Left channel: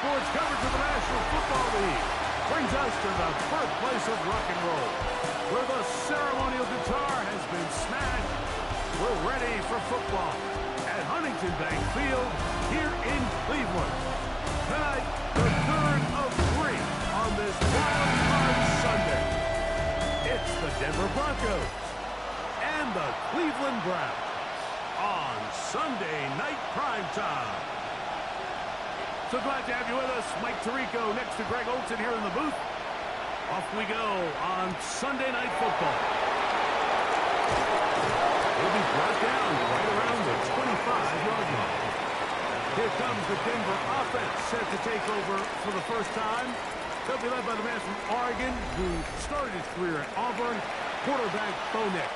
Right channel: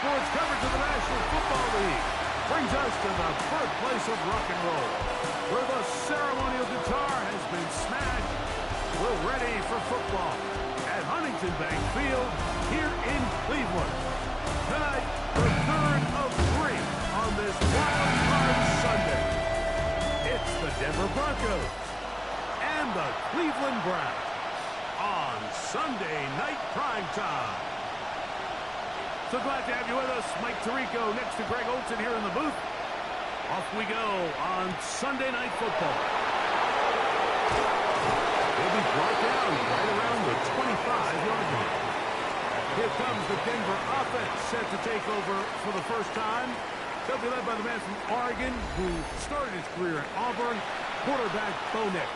sports coverage of the National Football League brings us to the birthplace of rock and roll, where the ceremonial guitar has been smashed. We're ready for football at Huntington Bank Field here in Cleveland. Tonight, the third of three on this wild card Sunday. It's the Denver Broncos and the Cleveland Browns on Sunday Night Prime Time. So glad to have you with us. Mike Tirico next to Greg Olson here in the booth. Off we go on Sunday Night Football. He'll be brought down right around the 25-yard line. Here comes the Denver offense set to take over for the first time. They'll be led by the man from Oregon who started his career at Auburn, quarterback Bo Nix.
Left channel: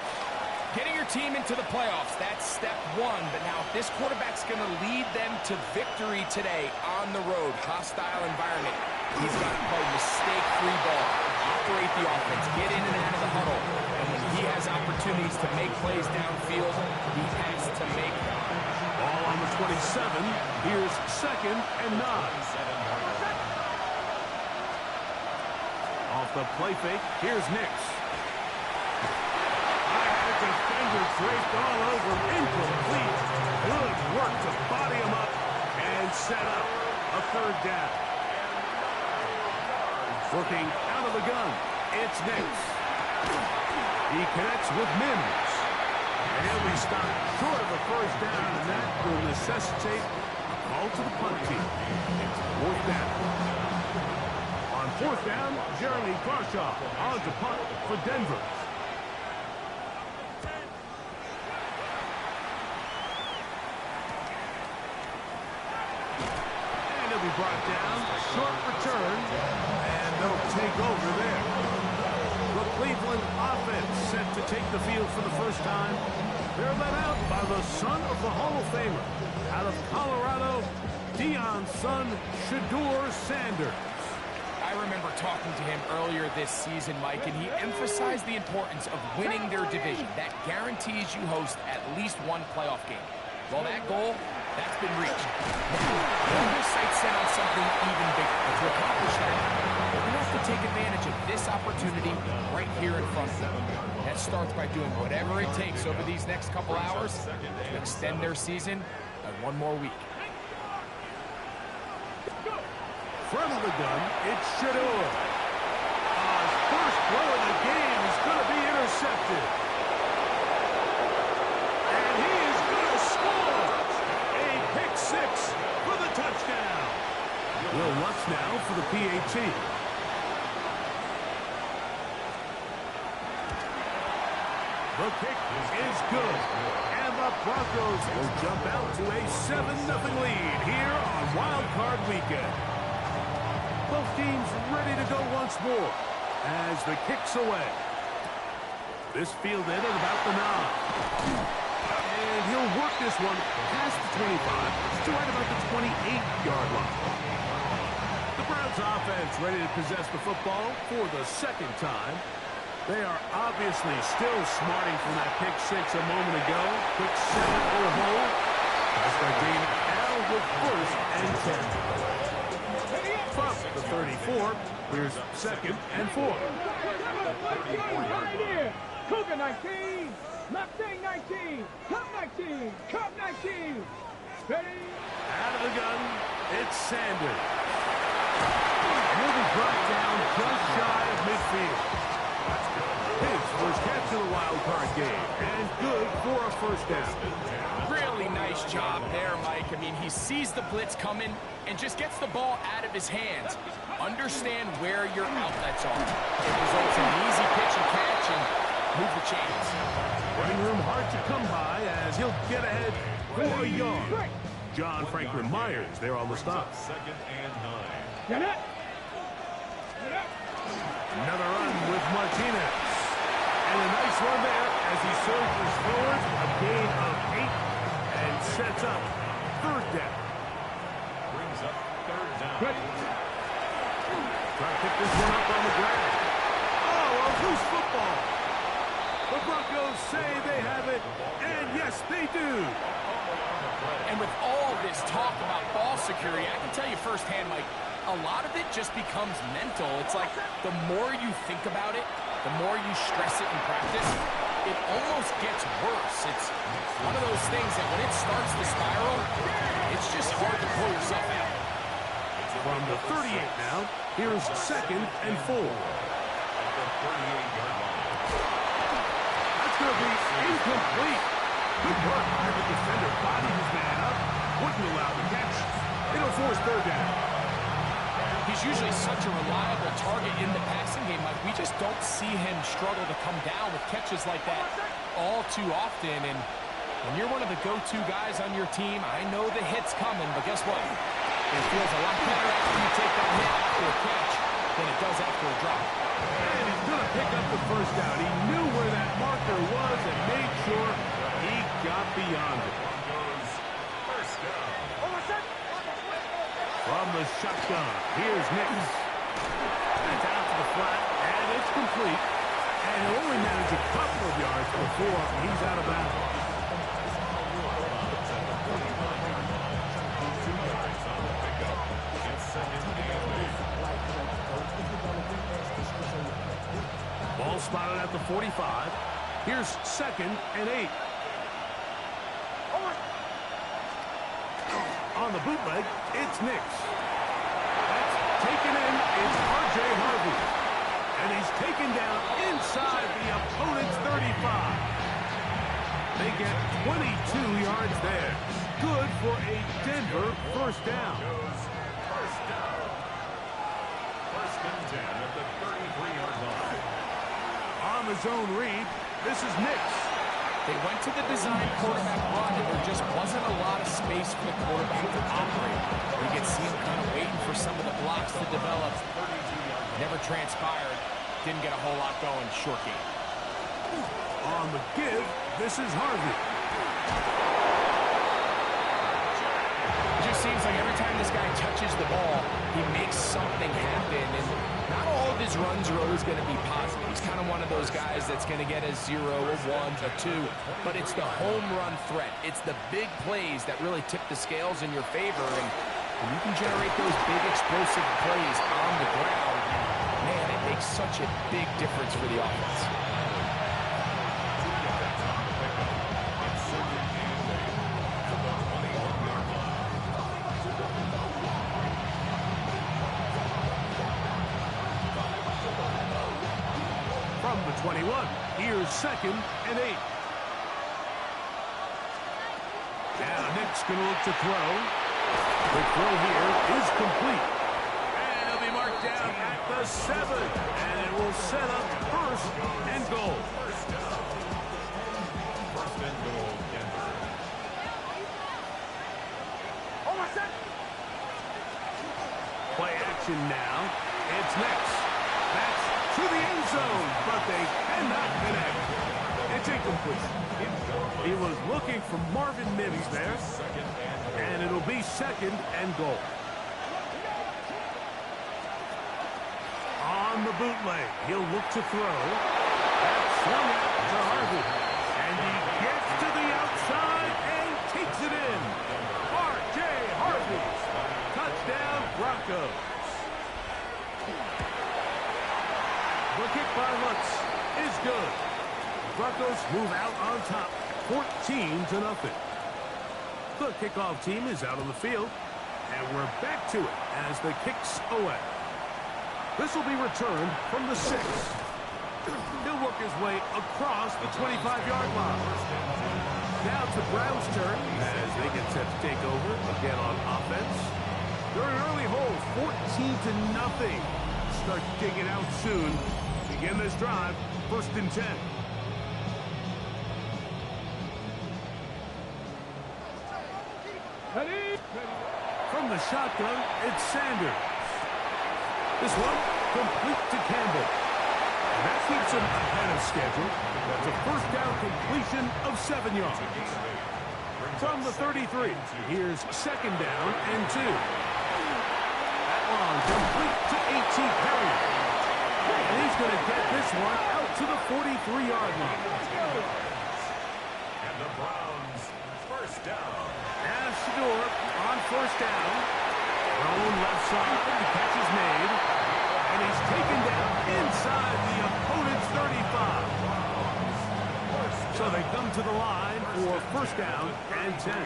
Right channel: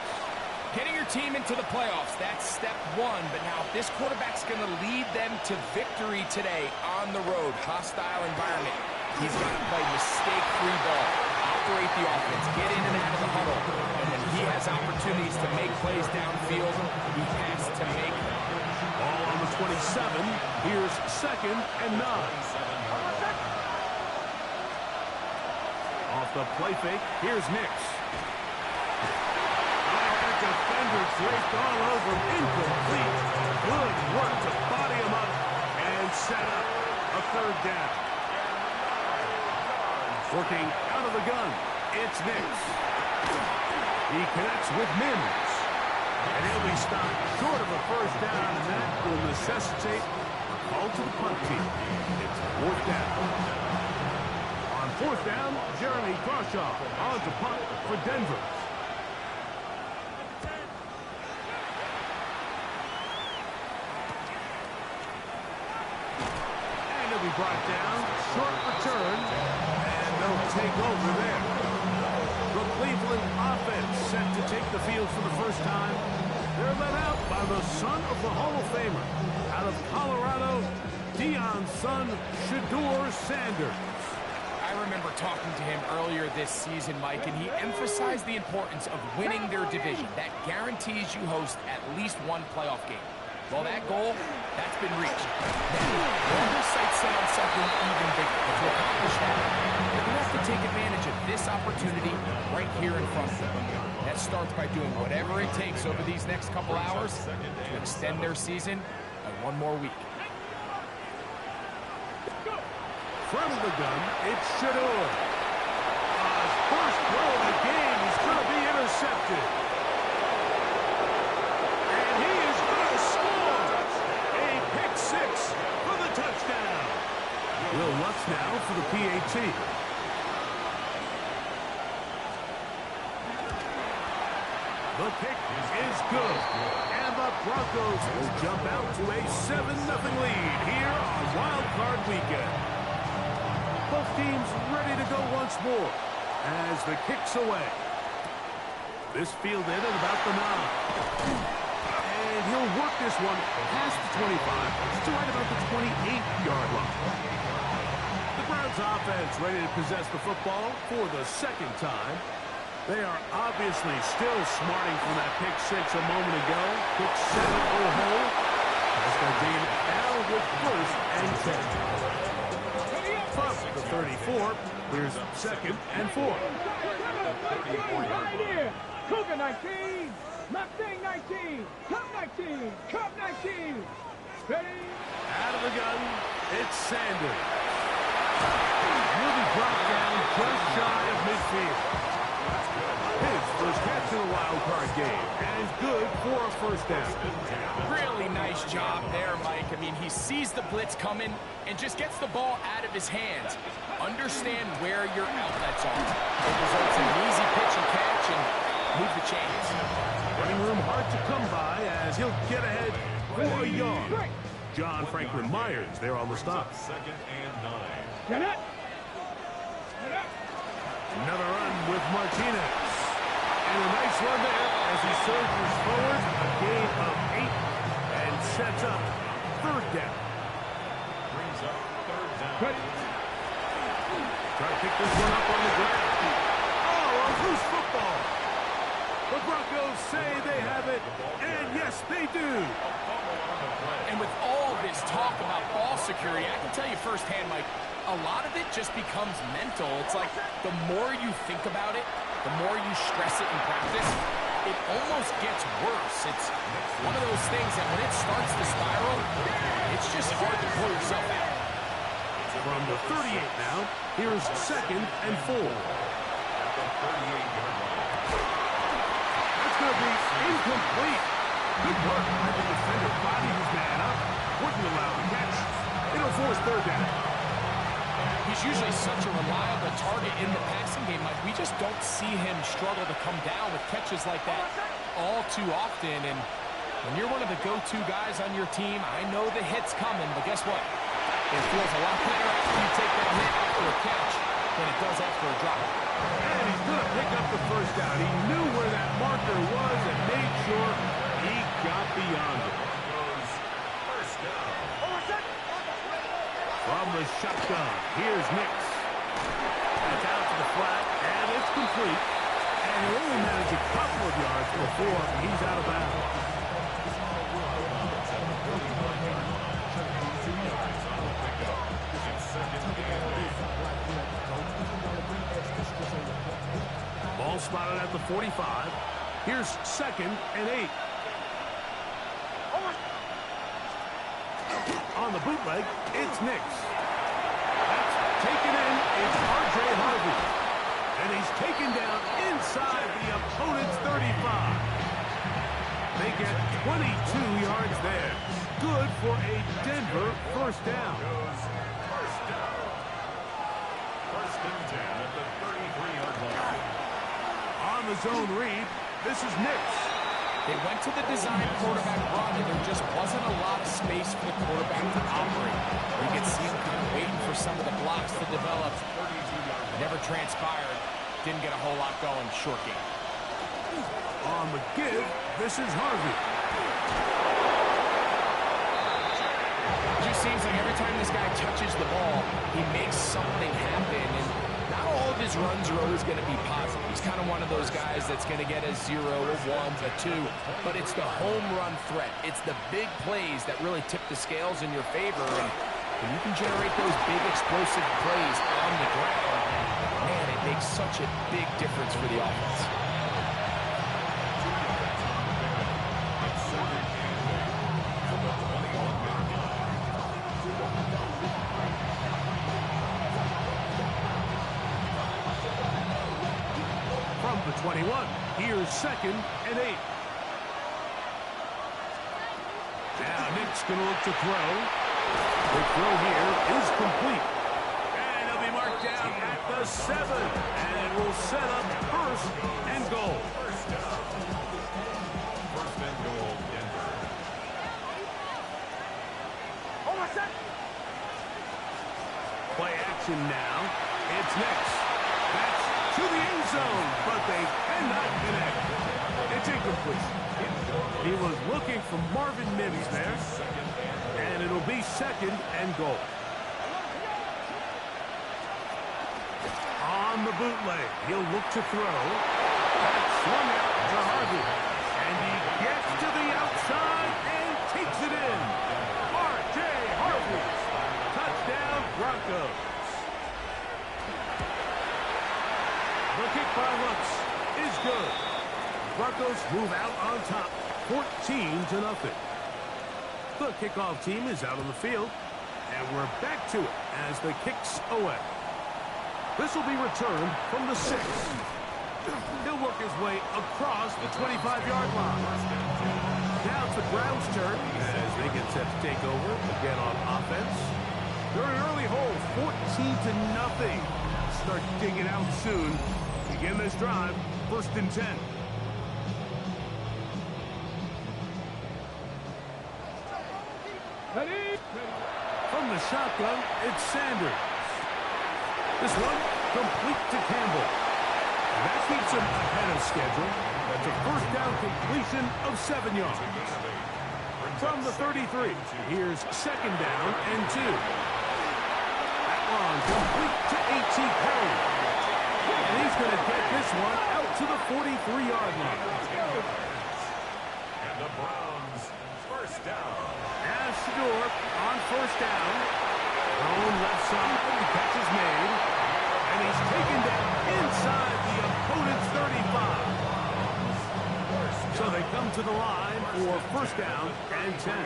Getting your team into the playoffs, that's step one. But now if this quarterback's going to lead them to victory today on the road, hostile environment, he's got to play mistake-free ball, operate the offense, get in and out of the huddle. And when he has opportunities to make plays downfield, he has to make them. Ball on the 27. Here's 2nd and 9. Off the play fake, here's Nix. Defender draped all over him, incomplete. Good work to body him up and set up a 3rd down. Working out of the gun, it's Nix. He connects with Mims. And he'll be stopped short of a 1st down, and that will necessitate a call to the punt team. It's 4th down. On 4th down, Jeremy Crawshaw on to punt for Denver. Be brought down, short return, and they'll take over there. The Cleveland offense set to take the field for the first time. They're led out by the son of the Hall of Famer. Out of Colorado, Deion's son, Shedeur Sanders. I remember talking to him earlier this season, Mike, and he emphasized the importance of winning their division. That guarantees you host at least one playoff game. Well, that goal, that's been reached. Now, their sights set on something even bigger. But to accomplish that, they're going to have to take advantage of this opportunity right here in front of them. That starts by doing whatever it takes over these next couple hours to extend their season by one more week. From the gun, it's Shedeur. His first throw of the game is going to be intercepted. And he is going to score a pick 6 for the touchdown. Will Lutz now for the PAT. The kick is good. And the Broncos will jump out to a 7-0 lead here on Wild Card Weekend. Both teams ready to go once more as the kick's away. This fielded at about the 9. And he'll work this one past the 25 to right about the 28-yard line. The Browns offense ready to possess the football for the 2nd time. They are obviously still smarting from that pick 6 a moment ago. Quick 7-0 hole. They start digging it now with 1st and 10. From the 34, here's 2nd and 4. Cougar 19, Mustang 19, Cup 19, Cup 19. Ready? Out of the gun, it's Sanders. And he'll be brought down just shy of midfield. His first catch of the wild card game, and good for a 1st down. Really nice job there, Mike. I mean, he sees the blitz coming and just gets the ball out of his hands. Understand where your outlets are. It results in an easy pitch and catch and move the chains. Running room hard to come by as he'll get ahead for a yard. John Franklin Myers there on the stop. 2nd and 9. Get it. Another run with Martinez. And a nice run there as he surges forward. A gain of 8 and sets up 3rd down. Brings up 3rd down. Good. Try to pick this one up on the ground. Oh, a loose football. The Broncos say they have it, and yes, they do. And with all this talk about ball security, I can tell you firsthand, Mike, a lot of it just becomes mental. It's like the more you think about it, the more you stress it in practice, it almost gets worse. It's one of those things that when it starts to spiral, it's just hard to pull yourself out. From the 38 now, here's 2nd and 4. At the 38-yard line. That's going to be incomplete. Good work by the defender. Bodied his man up. Wouldn't allow the catch. It'll force 3rd down. He's usually such a reliable target in the passing game, Mike. We just don't see him struggle to come down with catches like that all too often. And when you're one of the go-to guys on your team, I know the hit's coming, but guess what? It feels a lot better after you take that hit after a catch than it does after a drop. And he's going to pick up the 1st down. He knew where that marker was and made sure he got beyond it. Broncos, 1st down. From the shotgun, here's Nix. That's out to the flat, and it's complete. And he'll only manage a couple of yards before he's out of bounds. At the 49-yard line. 2 yards on the pickup. It's 2nd and 8. Ball spotted at the 45. Here's 2nd and 8. On the bootleg, it's Nix. That's taken in. It's R.J. Harvey. And he's taken down inside the opponent's 35. They get 22 yards there. Good for a Denver 1st down. Goes 1st down. 1st and 10 at the 33-yard line. On the zone read, this is Nix. They went to the design quarterback run, and there just wasn't a lot of space for the quarterback to operate. You could see him kind of waiting for some of the blocks to develop. Never transpired. Didn't get a whole lot going. Short game. On the give, this is Harvey. It just seems like every time this guy touches the ball, he makes something happen, and not all of his runs are always going to be positive. He's kind of one of those guys that's going to get a 0, a 1, a 2, but it's the home run threat. It's the big plays that really tip the scales in your favor, and when you can generate those big explosive plays on the ground, man, it makes such a big difference for the offense. 2 yards on the pickup. It's 2nd and 8 at the 21-yard line. From the 21, here's 2nd and 8. Now Nick's going to look to throw. The throw here is complete. And he'll be marked down at the 7. And it will set up 1st and goal. 1st down. 1st and goal, Denver. Play action now. It's Nix. That's to the end zone, but they cannot connect. It's incomplete. He was looking for Marvin Mims there, and it'll be 2nd and goal. On the bootleg, he'll look to throw. That's swung out to Harvey, and he gets to the outside and takes it in. R.J. Harvey, touchdown Broncos. The kick by Lutz is good. Broncos move out on top, 14-0. The kickoff team is out on the field, and we're back to it as the kick's away. This will be returned from the 6. He'll work his way across the 25-yard line. Now it's the Browns' turn as they get set to take over again on offense. They're in an early hole, 14-0. Start digging out soon. Begin this drive, 1st and 10. Ready? From the shotgun, it's Sanders. This one, complete to Campbell. And that keeps him ahead of schedule. That's a 1st down completion of 7 yards. From the 33, here's 2nd down and 2. That one complete to A.T. Perry. And he's going to get this one out to the 43-yard line. And the Browns, first down. As Shador on first down. Thrown left side. The catch is made. And he's taken down inside the opponent's 35. So they come to the line for first down and 10. A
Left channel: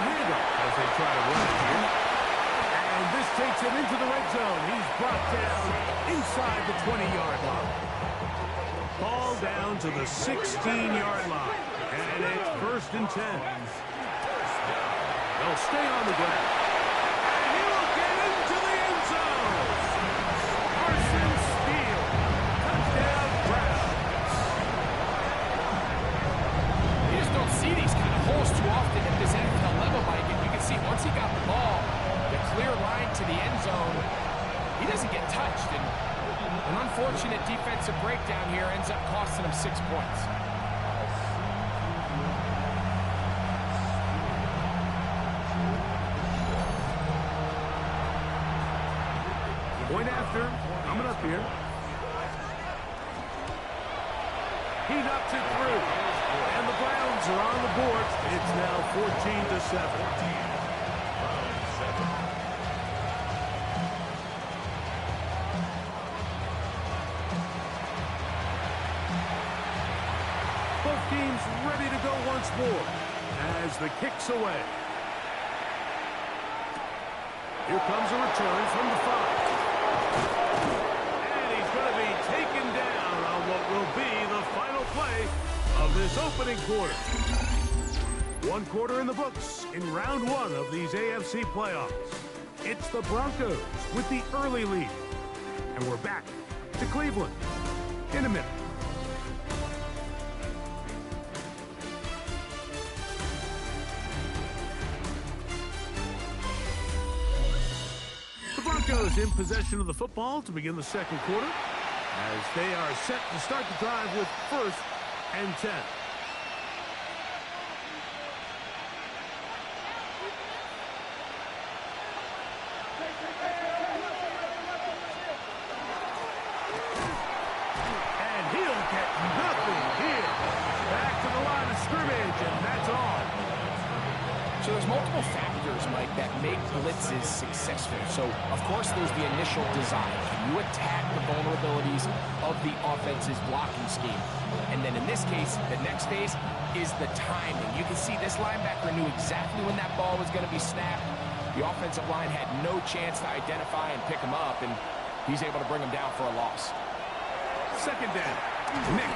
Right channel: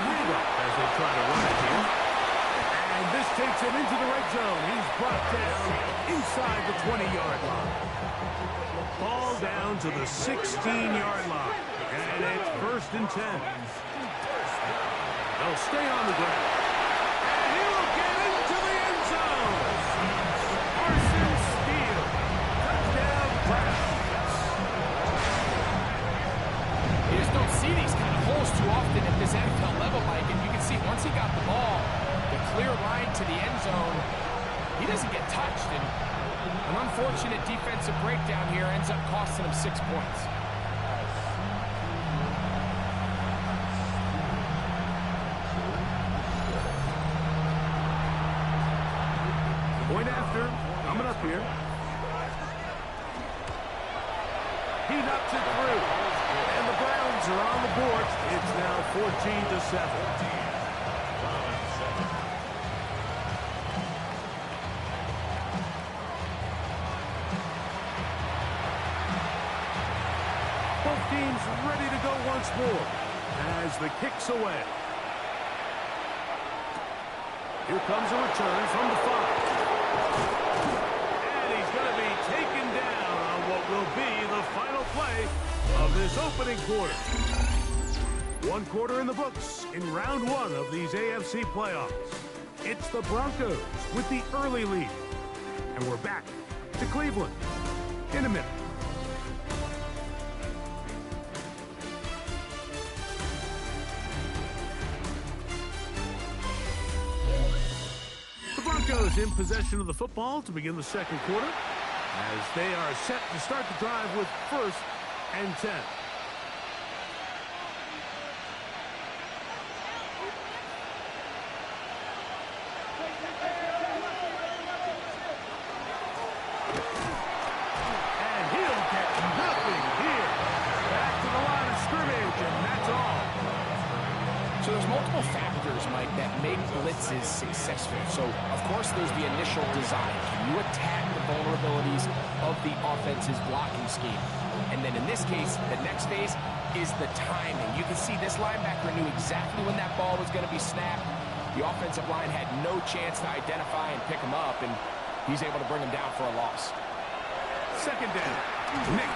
handoff as they try to run it here. And this takes him into the red zone. He's brought down inside the 20-yard line. Ball down to the 16-yard line. And it's first and 10. They'll stay on the ground. And he will get into the end zone. Parsons steal. Touchdown, Browns. You just don't see these kind of holes too often at this NFL level, Mike. And you can see once he got the ball, the clear line to the end zone, he doesn't get touched. And an unfortunate defensive breakdown here ends up costing him 6 points. Point after, coming up here. He knocks it through. And the Browns are on the board. It's now 14-7. Browns 7. Both teams ready to go once more as the kick's away. Here comes a return from the 5. And he's going to be taken down on what will be the final play of this opening quarter. One quarter in the books in round 1 of these AFC playoffs. It's the Broncos with the early lead. And we're back to Cleveland in a minute. The Broncos in possession of the football to begin the second quarter as they are set to start the drive with first and 10. And he'll get nothing here. Back to the line of scrimmage, and that's all. So there's multiple factors, Mike, that make blitzes successful. So, of course, there's the initial design. Can you attack the vulnerabilities of the offense's blocking scheme? And then in this case, the next phase is the timing. You can see this linebacker knew exactly when that ball was going to be snapped. The offensive line had no chance to identify and pick him up, and he's able to bring him down for a loss. Second down. Nix.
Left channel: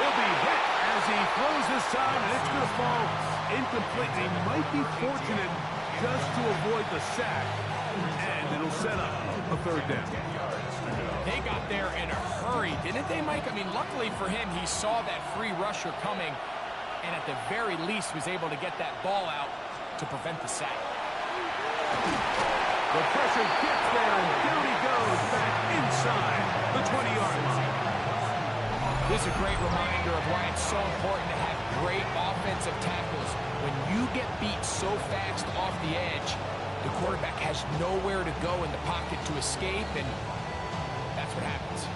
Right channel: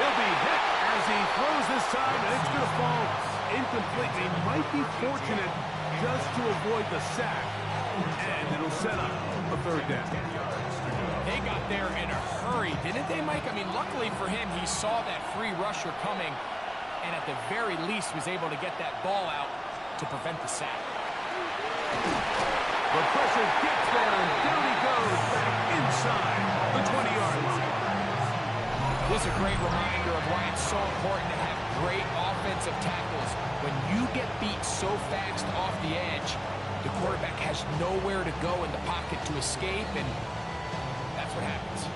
He'll be hit as he throws this time, and it's going to fall incomplete. He might be fortunate just to avoid the sack, and it'll set up a third down. They got there in a hurry, didn't they, Mike? I mean, luckily for him, he saw that free rusher coming, and at the very least was able to get that ball out to prevent the sack. The pressure gets there, and down he goes back inside the 20-yard line. This is a great reminder of why it's so important to have great offensive tackles. When you get beat so fast off the edge, the quarterback has nowhere to go in the pocket to escape, and that's what happens.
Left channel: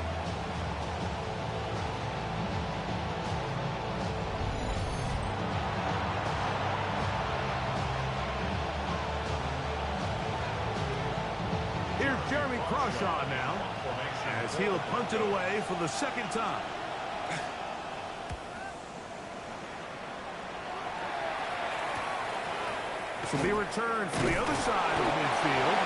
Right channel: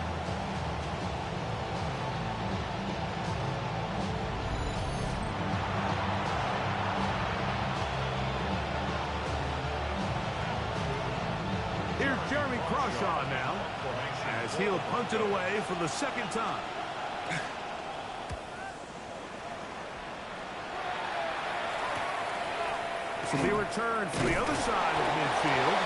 Here's Jeremy Crawshaw now, as he'll punt it away for the second time. This will be returned from the other side of midfield.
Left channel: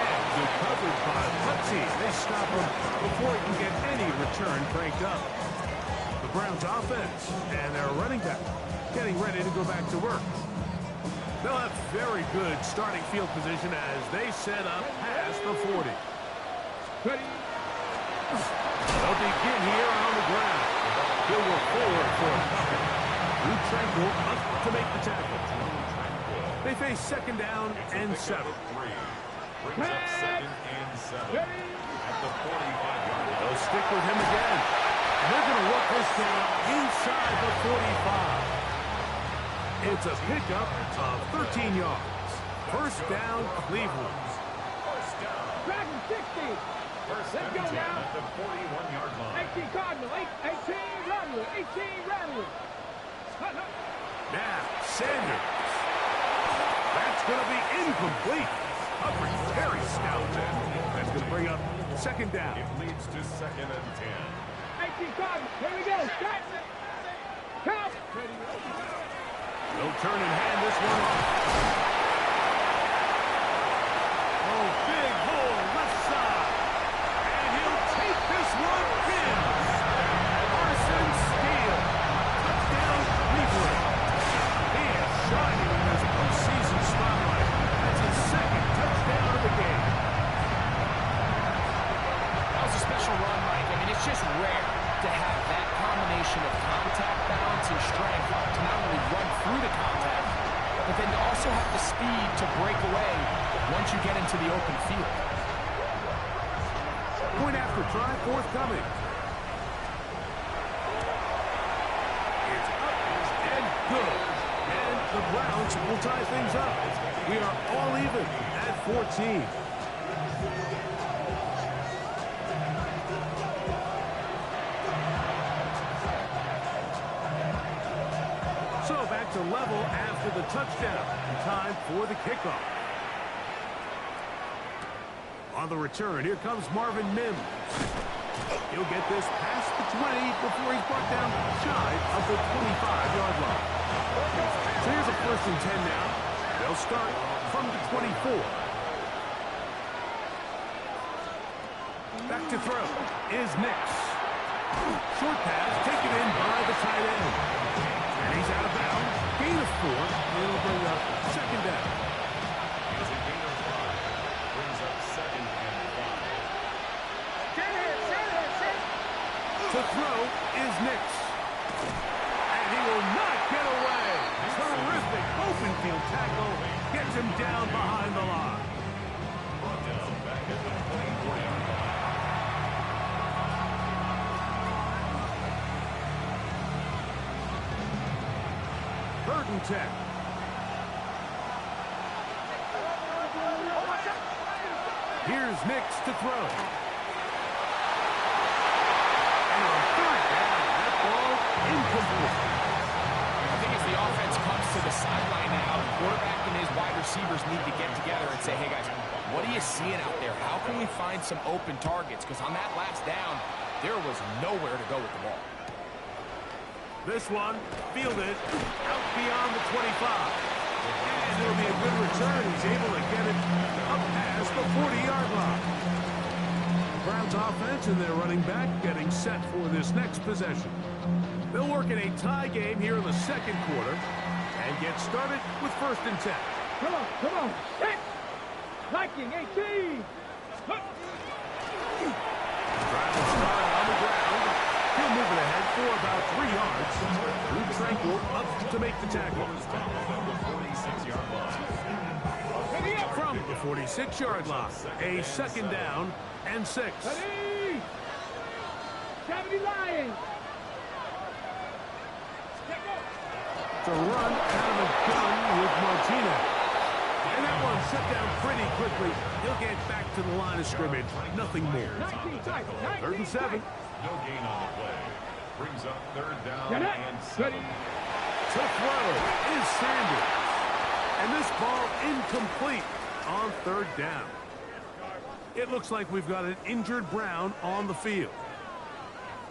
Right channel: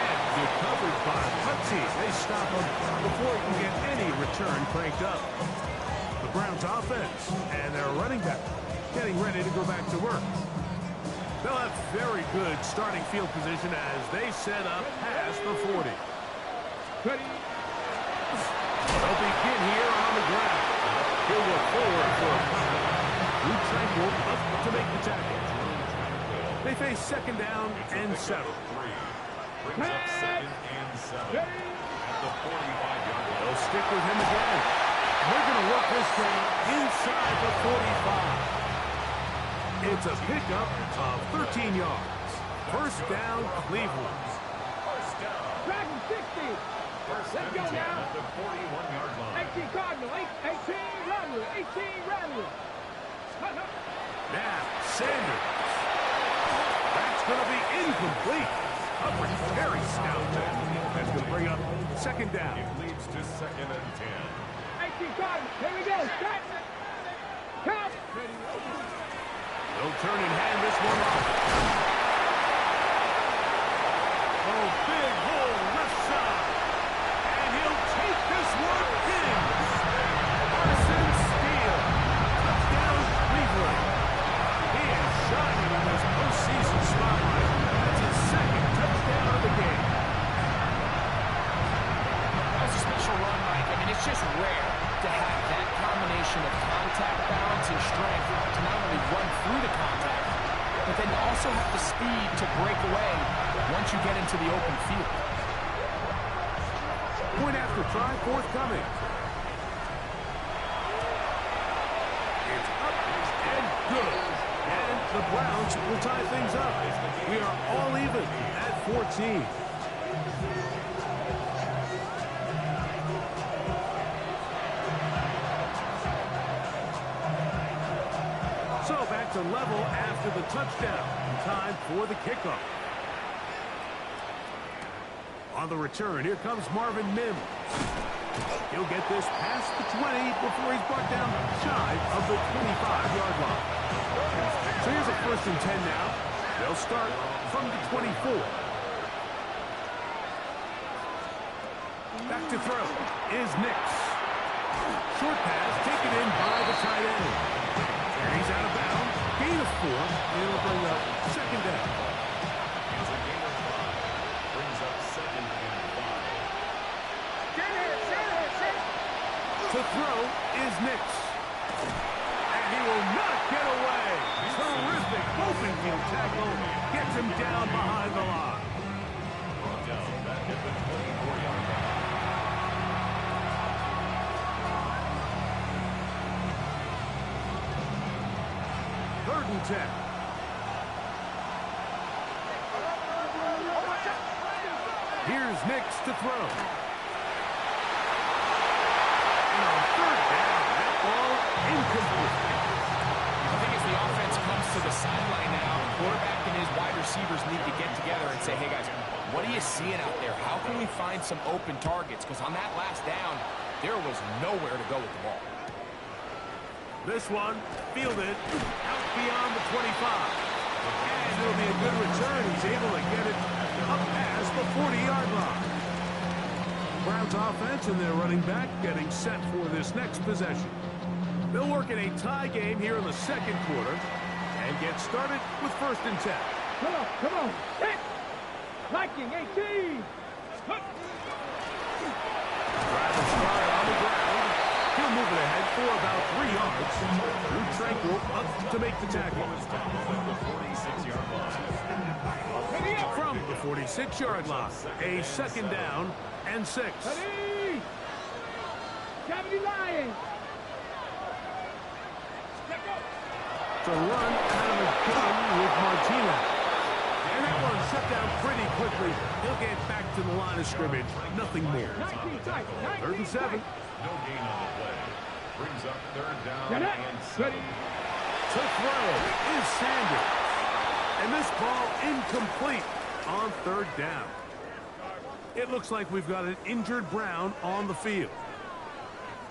And good coverage by Putzi. They stop him before he can get any return cranked up. The Browns offense and their running back getting ready to go back to work. They'll have very good starting field position as they set up past the 40. Ready. They'll begin here on the ground. He'll work forward for a couple. Drew Tranquil up to make the tackle. They face second down and 7. Brings up second and 7 at the 45-yard line. They'll stick with him again. And they're going to work this down inside the 45. It's a pickup of 13 yards. First down, Cleveland. Back to 60. First Let's and go 10 now. at the 41-yard line. 18 Cardinal, 18 Rattler, 18 Rattler. Now, Sanders. That's going to be incomplete. Coverage very stout there. That's going to bring up second down. It leads to second and 10. 18 Cardinal, here we go. Start. Count. They'll turn and hand this one off. Oh, big hole left side. And he'll take this one in. Carson Steele. Touchdown, Cleveland. He is shining in this postseason spotlight. That's his second touchdown of the game. That was a special run, Mike. I mean, it's just rare to have that combination of contact balance and strength to not only run through the contact, but then to also have the speed to break away once you get into the open field. Point after try forthcoming. It's up and good. And the Browns will tie things up. We are all even at 14. So back to level after the touchdown. Time for the kickoff. On the return, here comes Marvin Mims. He'll get this past the 20 before he's brought down shy of the 25-yard line. So here's a 1st and 10 now. They'll start from the 24. Back to throw is Nix. Short pass taken in by the tight end. And he's out of bounds. Gain of 4. It'll bring up second down. Here's a gain of 5. Brings up second and 5. To throw is Nix. And he will not get away. Terrific open field tackle. Gets him down behind the line. Brought down back at the 24-yard line. Third and 10. Here's Nix to throw. And on third down, that ball incomplete. I think as the offense comes to the sideline now, the quarterback and his wide receivers need to get together and say, hey, guys, what are you seeing out there? How can we find some open targets? Because on that last down, there was nowhere to go with the ball. This one fielded out beyond the 25. And it'll be a good return. He's able to get it up past the 40-yard line. Browns offense and their running back getting set for this next possession. They'll work in a tie game here in the second quarter and get started with 1st and 10. Come on, come on. Set. Viking, 18. Drive will start on the ground. He'll move it ahead for about 3 yards. Drew Tranquil up to make the tackle. From the 46-yard line, a second down and 6. Ready. 70 Lions. To run out of a gun with Martinez. And that one shut down pretty quickly. He'll get back to the line of scrimmage. Nothing more. 19 tight. 3rd and 7. No gain on the play. Brings up 3rd down Get it. and 7. To throw is Sanders. And this ball incomplete on 3rd down. It looks like we've got an injured Brown on the field.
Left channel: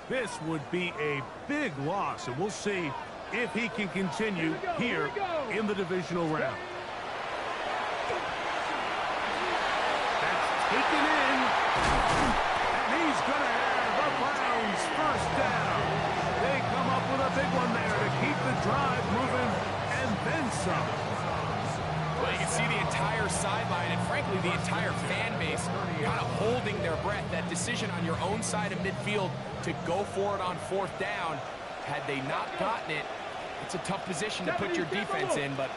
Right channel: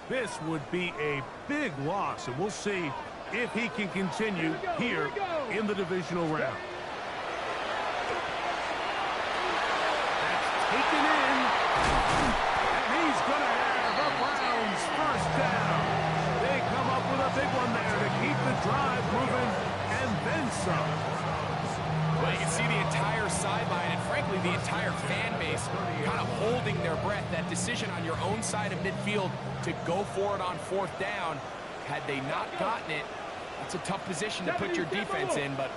This would be a big loss, and we'll see if he can continue here in the divisional round. That's taken in. And he's going to have a Browns 1st down. They come up with a big one there to keep the drive moving and then some. Well, you can see the entire sideline and, frankly, the entire fan base kind of holding their breath. That decision on your own side of midfield to go for it on 4th down, had they not gotten it, it's a tough position to put your defense in, but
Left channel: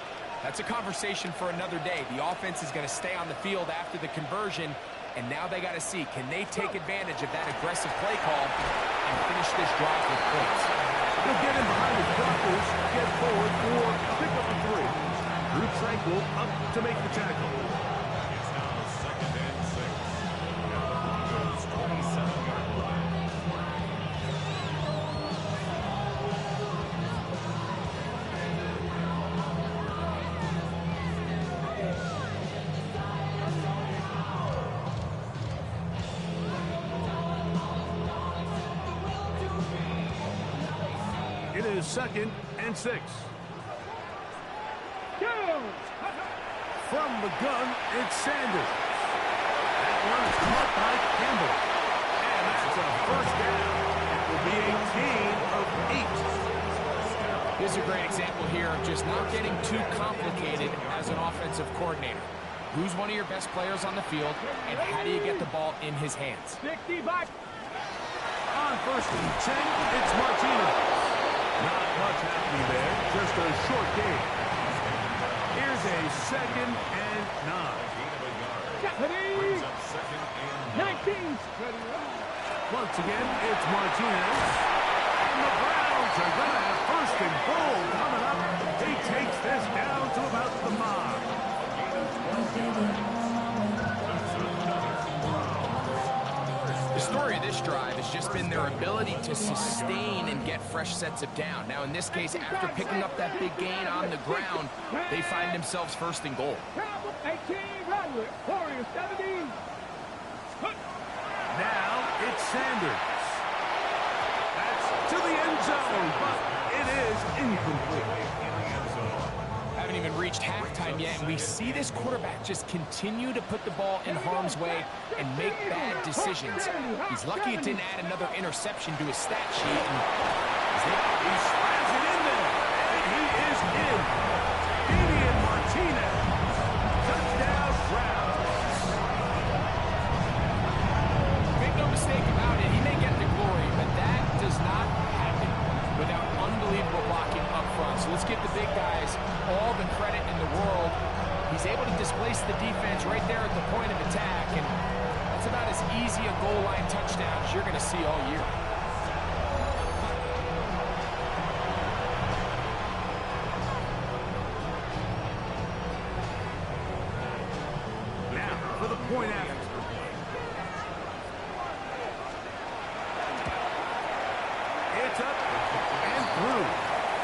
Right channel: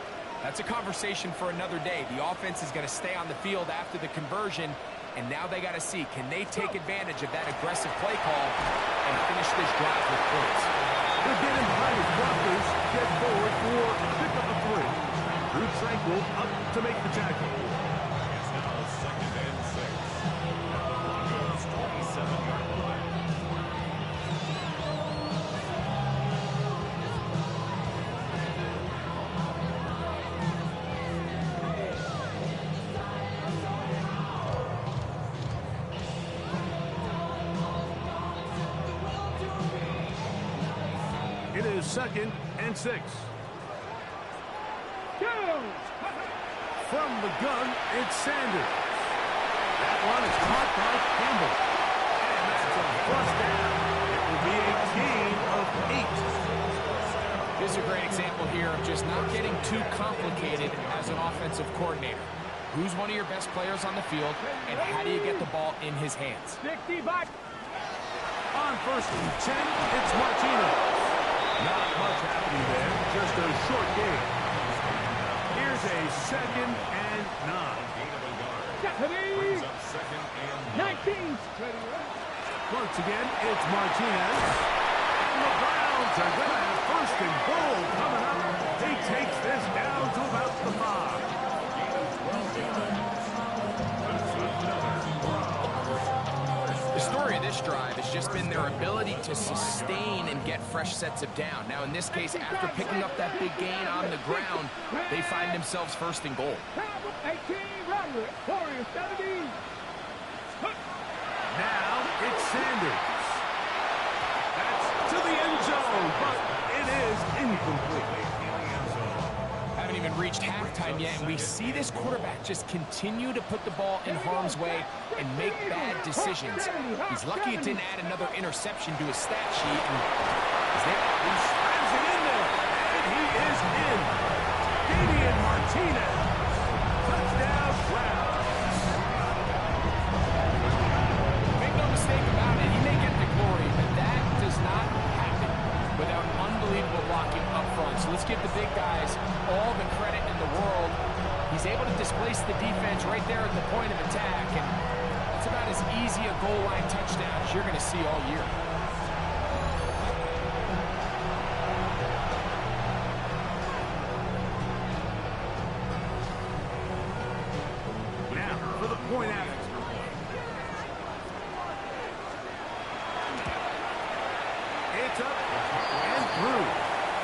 that's a conversation for another day. The offense is going to stay on the field after the conversion, and now they got to see, can they take advantage of that aggressive play call and finish this drive with points? They'll get him behind his blockers, get forward for a pickup of 3. Drew Tranquil up to make the tackle. It's now 2nd and 6 at the Broncos 27-yard line. It is 2nd and 6. From the gun, it's Sanders. That one is caught by Campbell. And that's a first down. It will be a gain of 8. This is a great example here of just not getting too complicated as an offensive coordinator. Who's one of your best players on the field, and how do you get the ball in his hands? 60 back. On 1st and 10, it's Martinez. Not much happening there, just a short gain. Here's a 2nd and 9. Gain of a yard. Brings up 2nd and 9. 19. Once again, it's Martinez. And the Browns are going to have 1st and goal coming up. He takes this down to about the 5. The story of this drive has just been their ability to sustain and get fresh sets of down. Now, in this case, after picking up that big gain on the ground, they find themselves 1st and goal. 18, Rodley. Warriors 17. Now it's Sanders. That's to the end zone, but it is incomplete. Haven't even reached halftime yet, and we see this quarterback just continue to put the ball in harm's way and make bad decisions. He's lucky it didn't add another interception to his stat sheet, and He slams it in there, and he is in. Damian Martinez. Touchdown, Browns. make no mistake about it, he may get the glory, but that does not happen without unbelievable blocking up front. So let's give the big guys all the credit in the world. He's able to displace the defense right there at the point of attack, and that's about as easy a goal line touchdown as you're going to see all year. Now for the point after. It's up and through.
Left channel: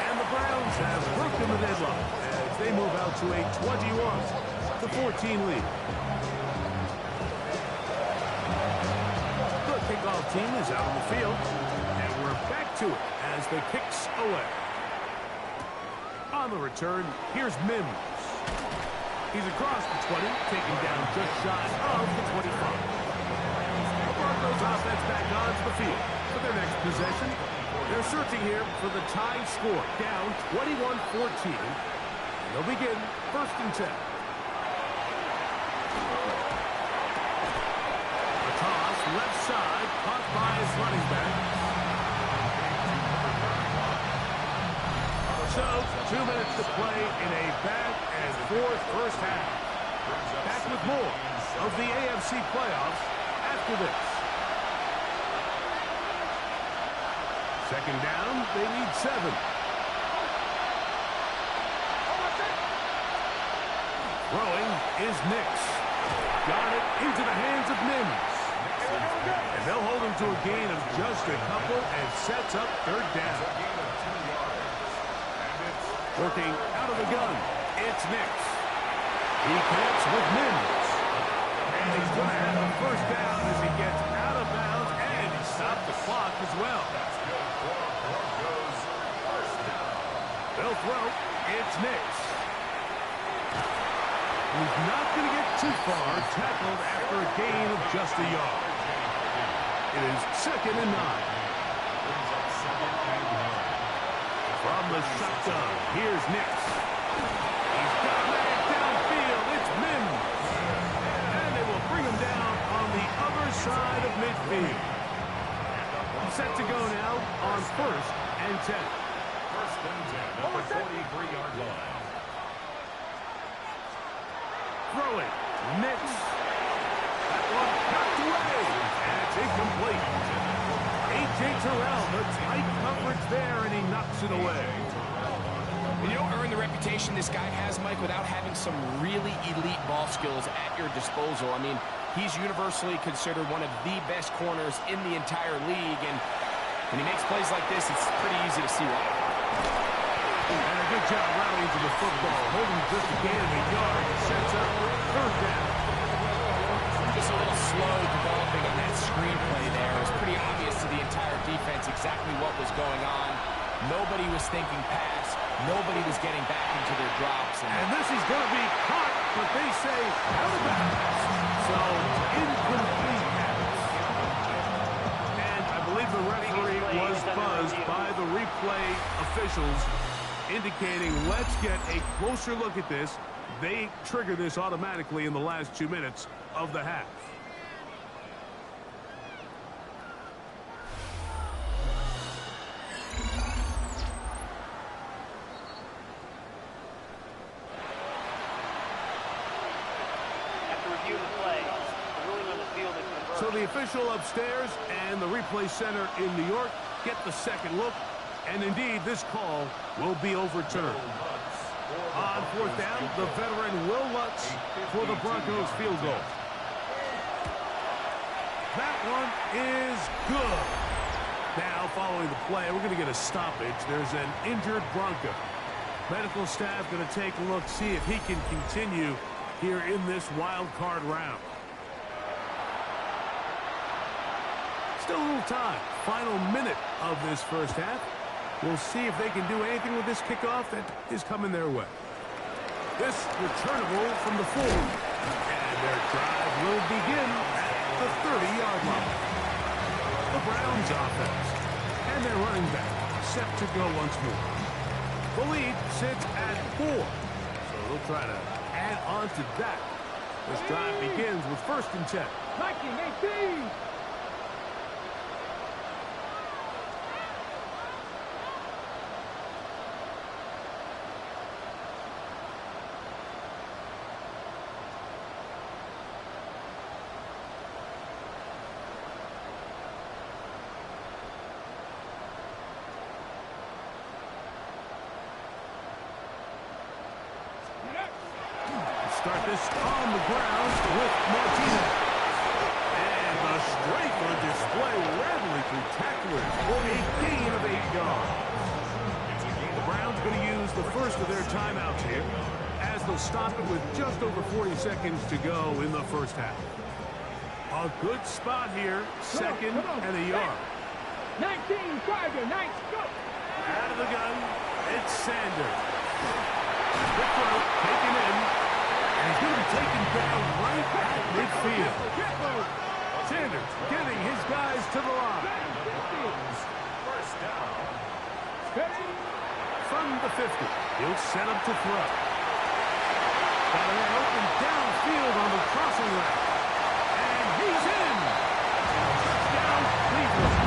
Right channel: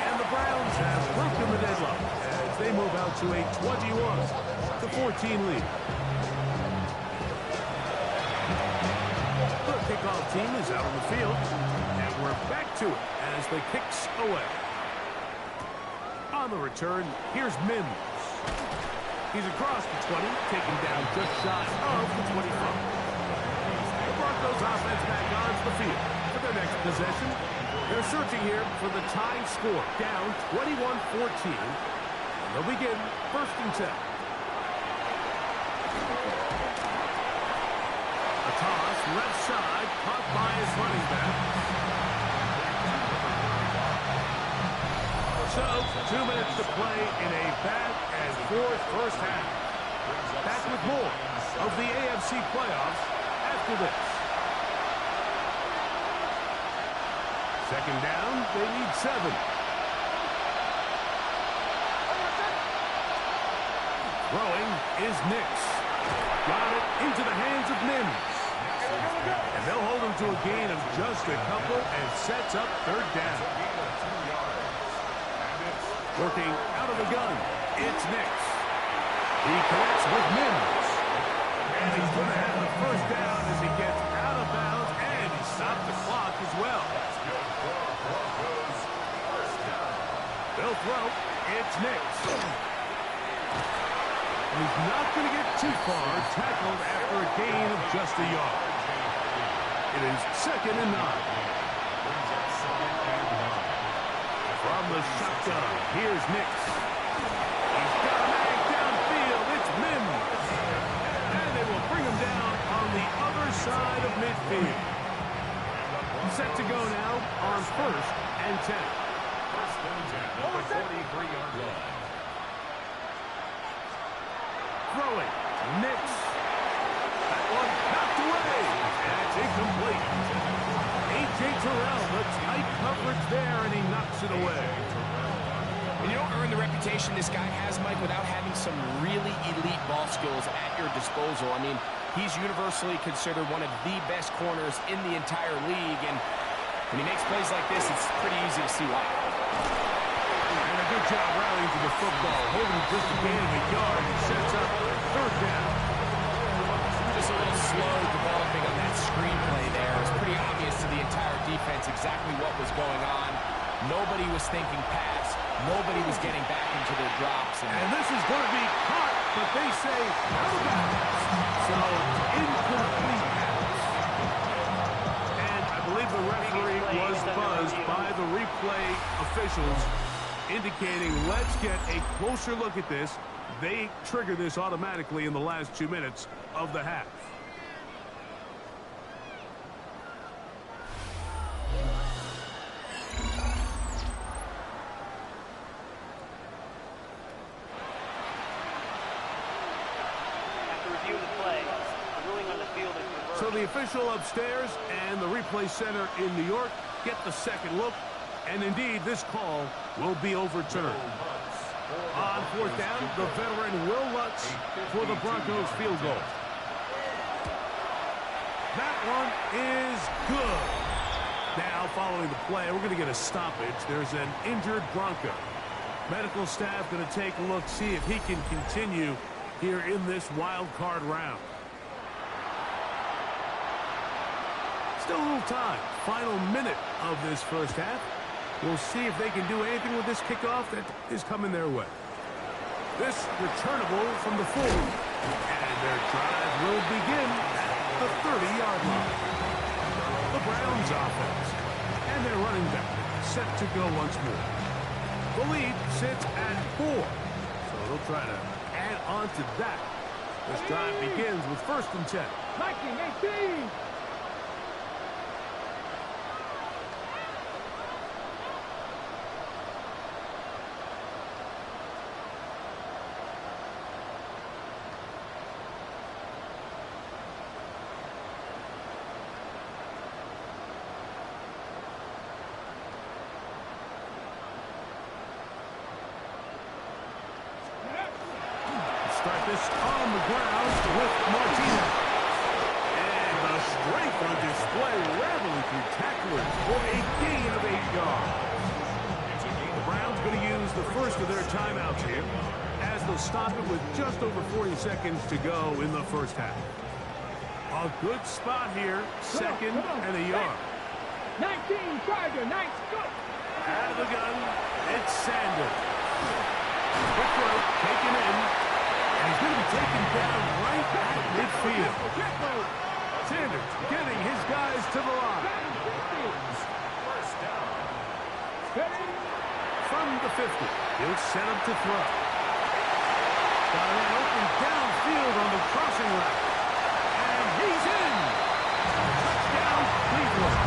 And the Browns have broken the deadlock as they move out to a 21-14 lead. The kickoff team is out on the field, and we're back to it as the kicks away. On the return, here's Mims. He's across the 20, taken down just shy of the 25. The Broncos offense back onto the field for their next possession. They're searching here for the tie score, down 21-14. And they'll begin 1st and 10. A toss, left side, caught by his running back. So, 2 minutes to play in a back-and-forth first half. Back with more of the AFC playoffs after this. Second down, they need 7. Throwing is Nix. Got it into the hands of Mims. And they'll hold him to a gain of just a couple and sets up 3rd down. Working out of the gun, it's Nix. He connects with Mims. And he's going to have a 1st down as he gets out of bounds, and he stopped the clock as well. That's good for Broncos. 1st down. They'll throw. It's Nix. And he's not going to get too far, tackled after a gain of just a yard. It is 2nd and 9. Brings up 2nd and 9. From the shotgun, here's Nix. He's got a man downfield. It's Mims. And they will bring him down on the other side of midfield. Set to go now on 1st and 10. 1st and 10 at the 43-yard line. Throwing, Nix. That one knocked away, and it's incomplete. A.J. Terrell, the tight coverage there, and he knocks it away. And you don't earn the reputation this guy has, Mike, without having some really elite ball skills at your disposal. I mean, He's universally considered one of the best corners in the entire league, and when he makes plays like this, it's pretty easy to see why. And a good job rallying to the football, holding just a gain of a yard, sets up third down. Just a little slow developing on that screenplay there. It was pretty obvious to the entire defense exactly what was going on. Nobody was thinking pass. Nobody was getting back into their drops. And this is going to be caught, but they say out of bounds. So, incomplete pass. And I believe the referee was buzzed by the replay officials, indicating let's get a closer look at this. They trigger this automatically in the last 2 minutes of the half. After reviewing the play, the ruling on the field is reversed. So the official upstairs and the replay center in New York get the second look, and indeed this call will be overturned. On fourth down, the veteran Will Lutz for the Broncos field goal. That one is good. Now, following the play, we're going to get a stoppage. There's an injured Bronco. Medical staff going to take a look, see if he can continue here in this wild card round. Still a little time. Final minute of this first half. We'll see if they can do anything with this kickoff that is coming their way. This returnable from the 4. And their drive will begin at the 30-yard line. The Browns offense. And their running back set to go once more. The lead sits at 4. So they'll try to add on to that. This drive begins with 1st and 10. Viking 18. Start this on the ground with Martinez. And the strength on display, rattling through tacklers for a gain of 8 yards. The Browns going to use the first of their timeouts here, as they'll stop it with just over 40 seconds to go in the first half. A good spot here, 2nd and a yard. 19, Tiger, nice, go. Out of the gun, it's Sanders. Quick throw, taken in. And he's going to be taken down right at midfield. Sanders getting his guys to the line. First down. From the 50, he'll set up to throw. Got a man open downfield on the crossing route. And he's in. Touchdown, Cleveland.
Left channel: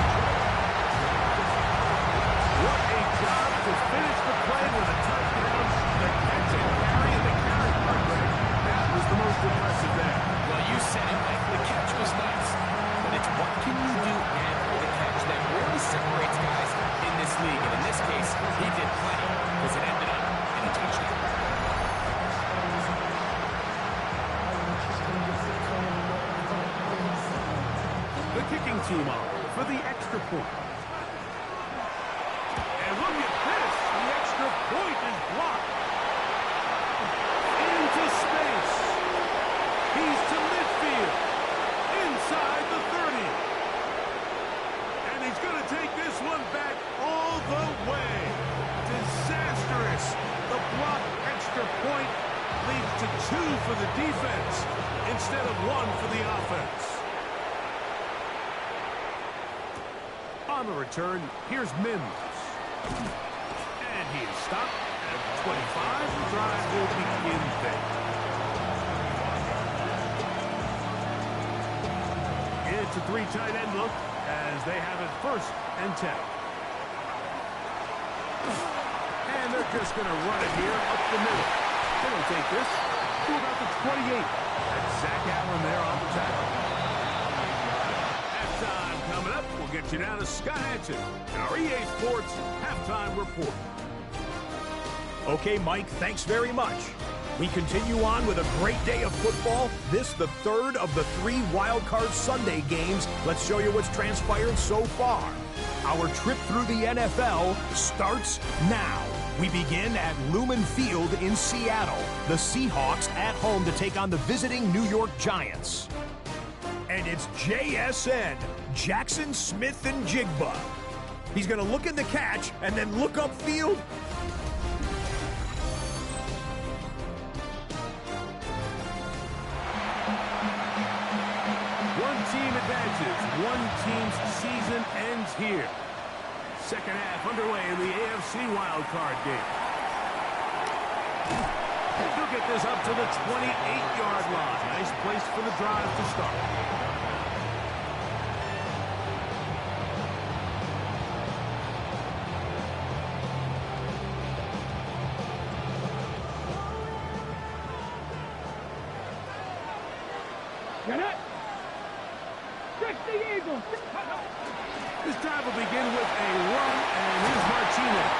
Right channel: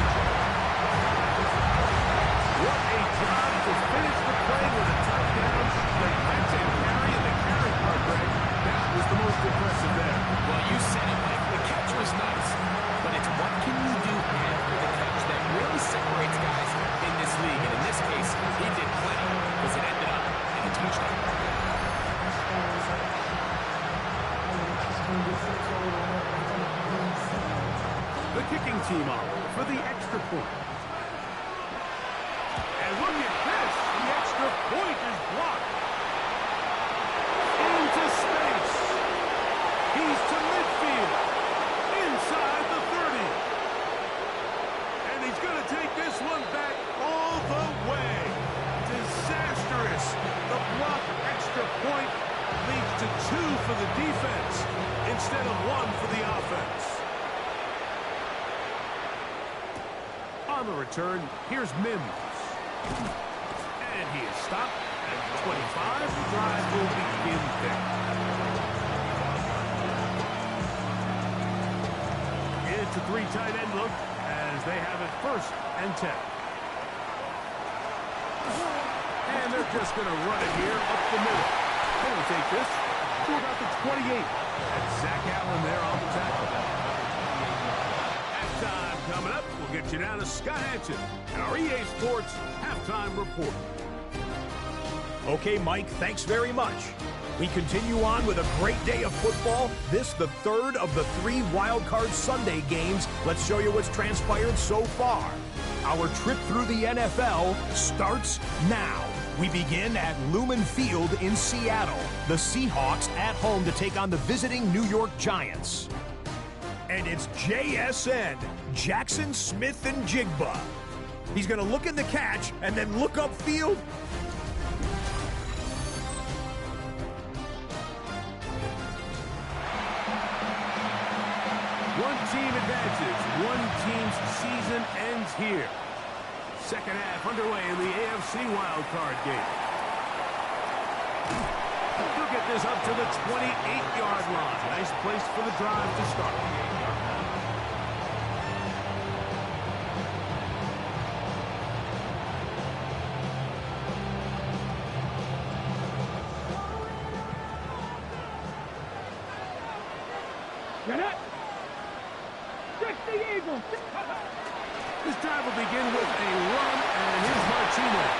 What a job to finish the play with a touchdown. The catch and carry and the carry part, Greg. That was the most impressive there. Well, you said it, Mike. The catch was nice, but it's what can you do after the catch that really separates guys in this league. And in this case, he did plenty because it ended up in a touchdown. The kicking team on for the extra point. And look at this. The extra point is blocked. Into space. He's to midfield. Inside the 30. And he's going to take this one back all the way. Disastrous. The blocked extra point leads to 2 for the defense instead of 1 for the offense. On the return, here's Mims. And he is stopped at 25. The drive will begin there. It's a 3 tight end look as they have it 1st and 10. And they're just going to run it here up the middle. They don't take this to about the 28. That's Zach Allen there on the tackle. Halftime coming up. We'll get you down to Scott Hansen and our EA Sports Halftime Report. Okay, Mike, thanks very much. We continue on with a great day of football. This the third of the 3 Wild Card Sunday games. Let's show you what's transpired so far. Our trip through the NFL starts now. We begin at Lumen Field in Seattle. The Seahawks at home to take on the visiting New York Giants. And it's JSN, Jackson Smith and Jigba. He's going to look in the catch and then look upfield. One team advances. One team's season ends here. Second half underway in the AFC wildcard game. He'll get this up to the 28-yard line. Nice place for the drive to start. Get it! Stretch the Eagles! This drive will begin with a run, and here's Martinez.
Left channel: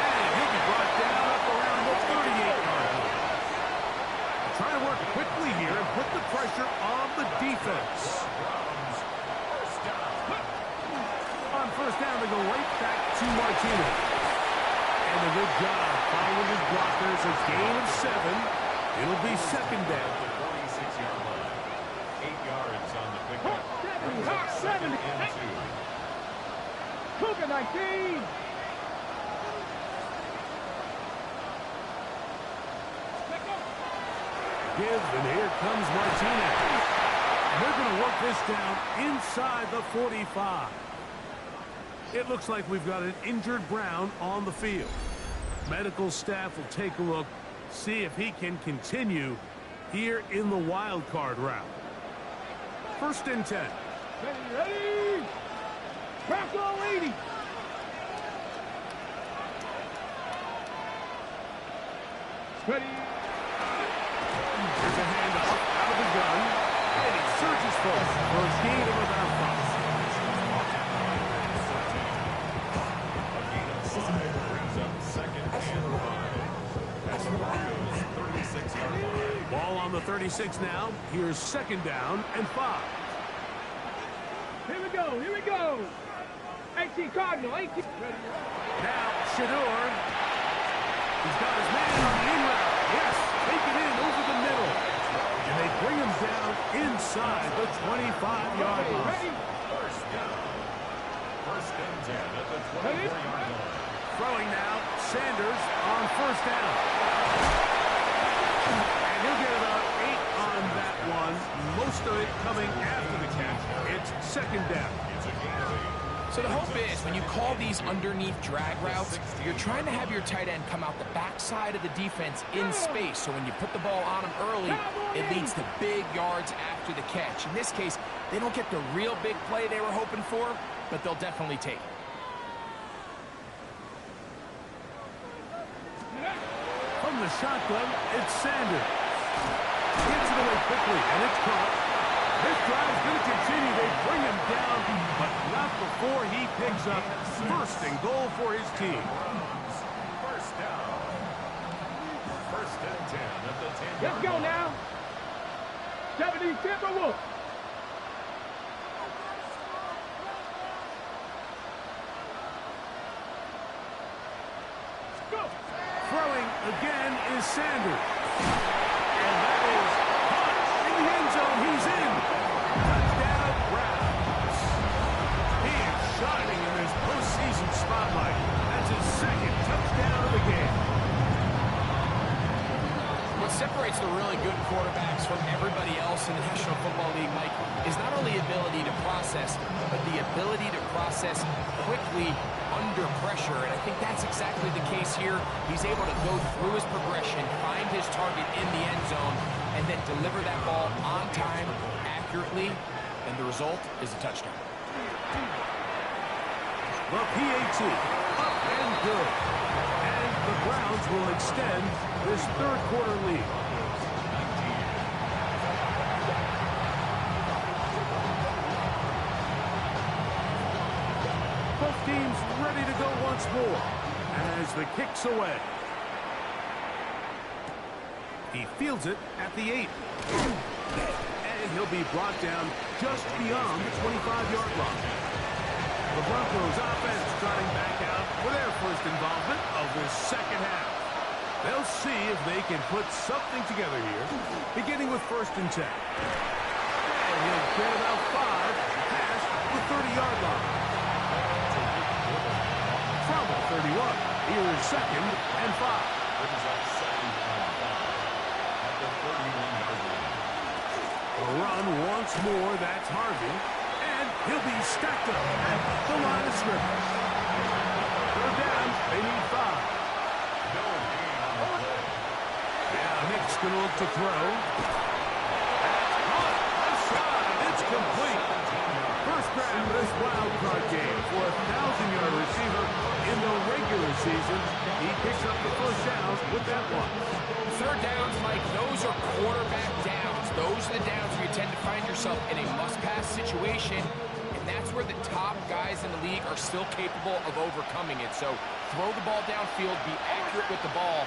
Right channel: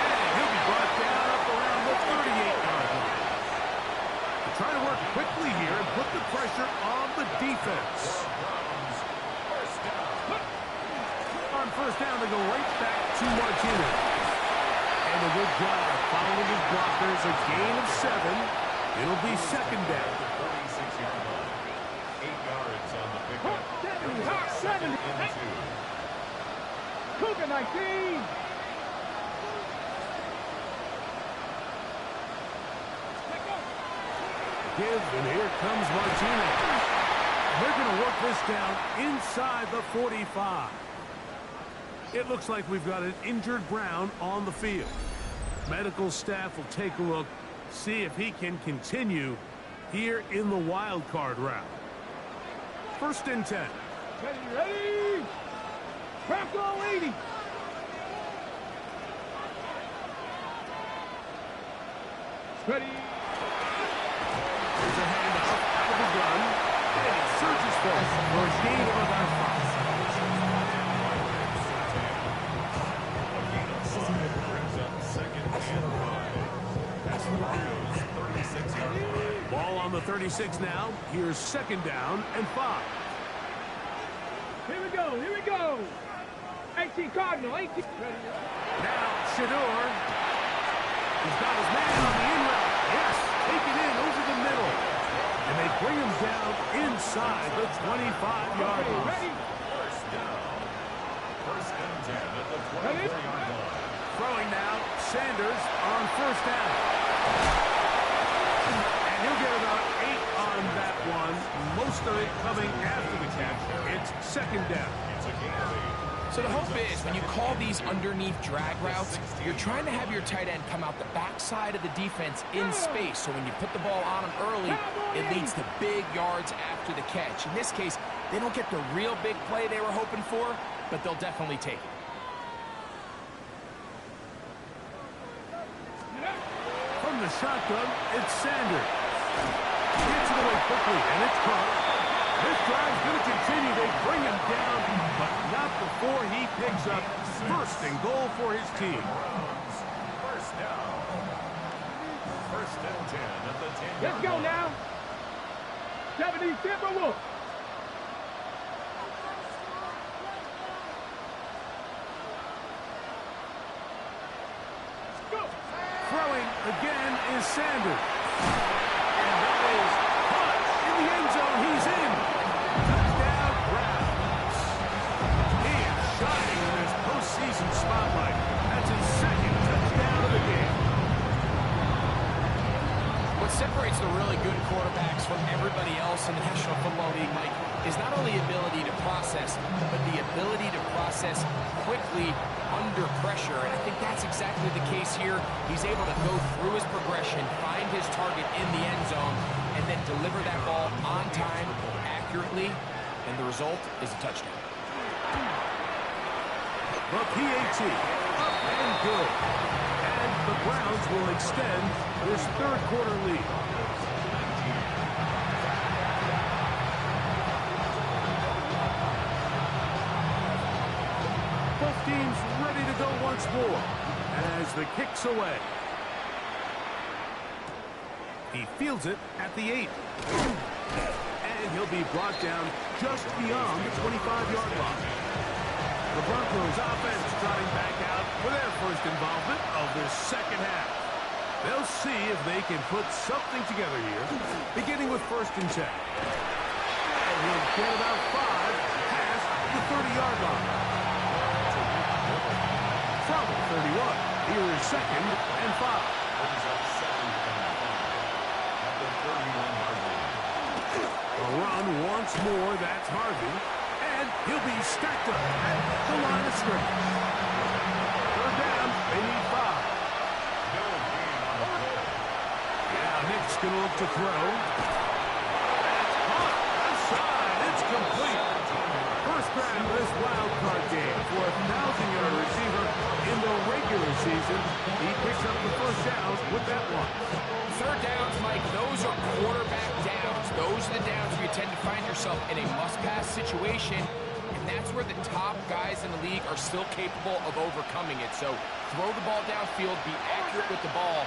And he'll be brought down up around the 38-yard line. They're trying to work quickly here and put the pressure on the defense. On first down, they go right back to Martinez. And a good job following his blockers. A gain of 7. It'll be second down. 46-yard line. 8 yards on the pickup. 70. Cougar 19. Give, and here comes Martinez. They're going to work this down inside the 45. It looks like we've got an injured Brown on the field. Medical staff will take a look, see if he can continue here in the wild card round. First and 10. Ready! Bronco 80. Ready. Here's a handoff out of the gun, and he surges forward for a gain of about 5. A gain of 5 brings up second and 5. That's the Broncos' 36-yard line. Ball on the 36 now. Here's second down and 5. Here we go, here we go. 18 Cardinal, 18. Ready. Now, Shador. He's got his man on the in route. Yes, take it in over the middle. And they bring him down inside the 25-yard line. Ready. First down. First and 10 at the 24-yard line. Throwing now, Sanders on first down. And he'll get about 8 on that one. Most of it coming after the catch. It's second down. It's a gain of 8. So the hope is when you call these underneath drag routes, you're trying to have your tight end come out the backside of the defense in space. So when you put the ball on him early, it leads to big yards after the catch. In this case, they don't get the real big play they were hoping for, but they'll definitely take it. From the shotgun, it's Sanders. Gets it away quickly, and it's caught. This drive's going to continue. They bring him down, but not before he picks up first and goal for his team. First down. First and 10 at the 10-yard line. Let's go now. 70 Timberwolves. Go. Throwing again is Sanders. And that is caught in the end zone. He's in. Touchdown, Browns. He is shining in this postseason spotlight. That's his second touchdown of the game. What separates the really good quarterbacks from everybody else in the National Football League, Mike, is not only ability to process, but the ability to process quickly under pressure. And I think that's exactly the case here. He's able to go through his progression, find his target in the end zone, and then deliver that ball on time, accurately, and the result is a touchdown. The PAT, up and good. And the Browns will extend this third quarter lead. Both teams ready to go once more as the kick's away. He fields it at the 8. And he'll be brought down just beyond the 25-yard line. The Broncos offense trotting back out for their first involvement of this second half. They'll see if they can put something together here, beginning with 1st and 10. And he'll get about 5 past the 30-yard line. From the 31, here is 2nd and 5. Brings up 2nd and 5 at the 31-yard line. A run once more, that's Harvey. And he'll be stacked up at the line of scrimmage. 3rd down, they need 5. No gain on the play. Yeah, Nick's going to look to throw. That's caught. Outside. It's complete. First grab of this wild card game for a 1,000-yard receiver in the regular season. He picks up the 1st down with that one. 3rd downs, Mike, those are quarterback downs. Those are the downs where you tend to find yourself in a must-pass situation, and that's where the top guys in the league are still capable of overcoming it. So throw the ball downfield, be accurate with the ball.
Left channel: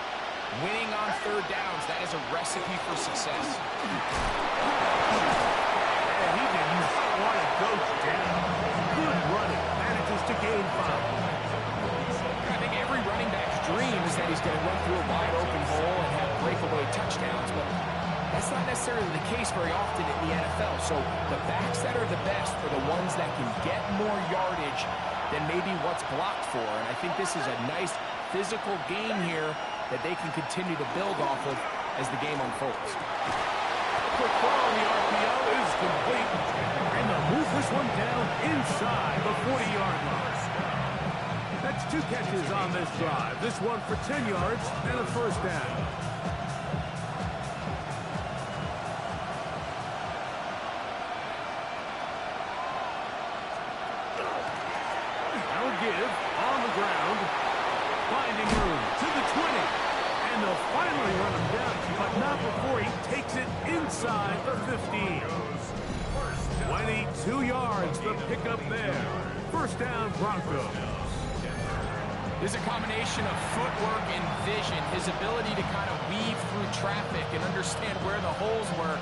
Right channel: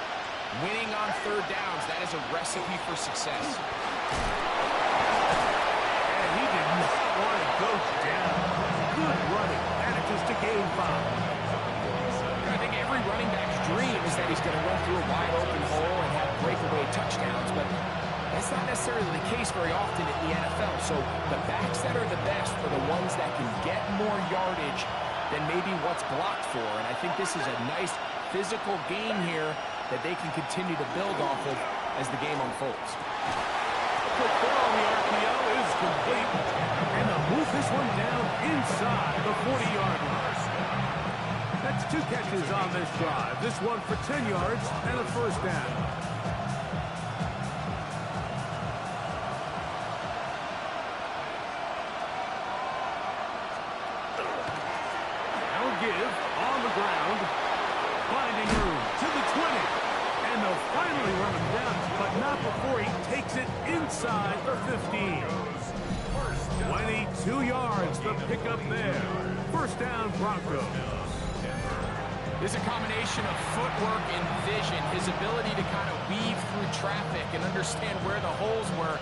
Winning on 3rd downs, that is a recipe for success. And he did not want to go down. Good running. Manages to gain 5. I think every running back's dream is that he's going to run through a wide open hole and have breakaway touchdowns, but that's not necessarily the case very often in the NFL. So the backs that are the best are the ones that can get more yardage than maybe what's blocked for. And I think this is a nice physical game here that they can continue to build off of as the game unfolds. A quick throw on the RPO is complete. And they'll move this one down inside the 40-yard line. That's 2 catches on this drive. This one for 10 yards and a 1st down. Now a give on the ground. Finding room to the 20. And they'll finally run him down, but not before he takes it inside the 15. 22 yards, the pickup there. 1st down, Broncos. There's a combination of footwork and vision, his ability to kind of weave through traffic and understand where the holes were.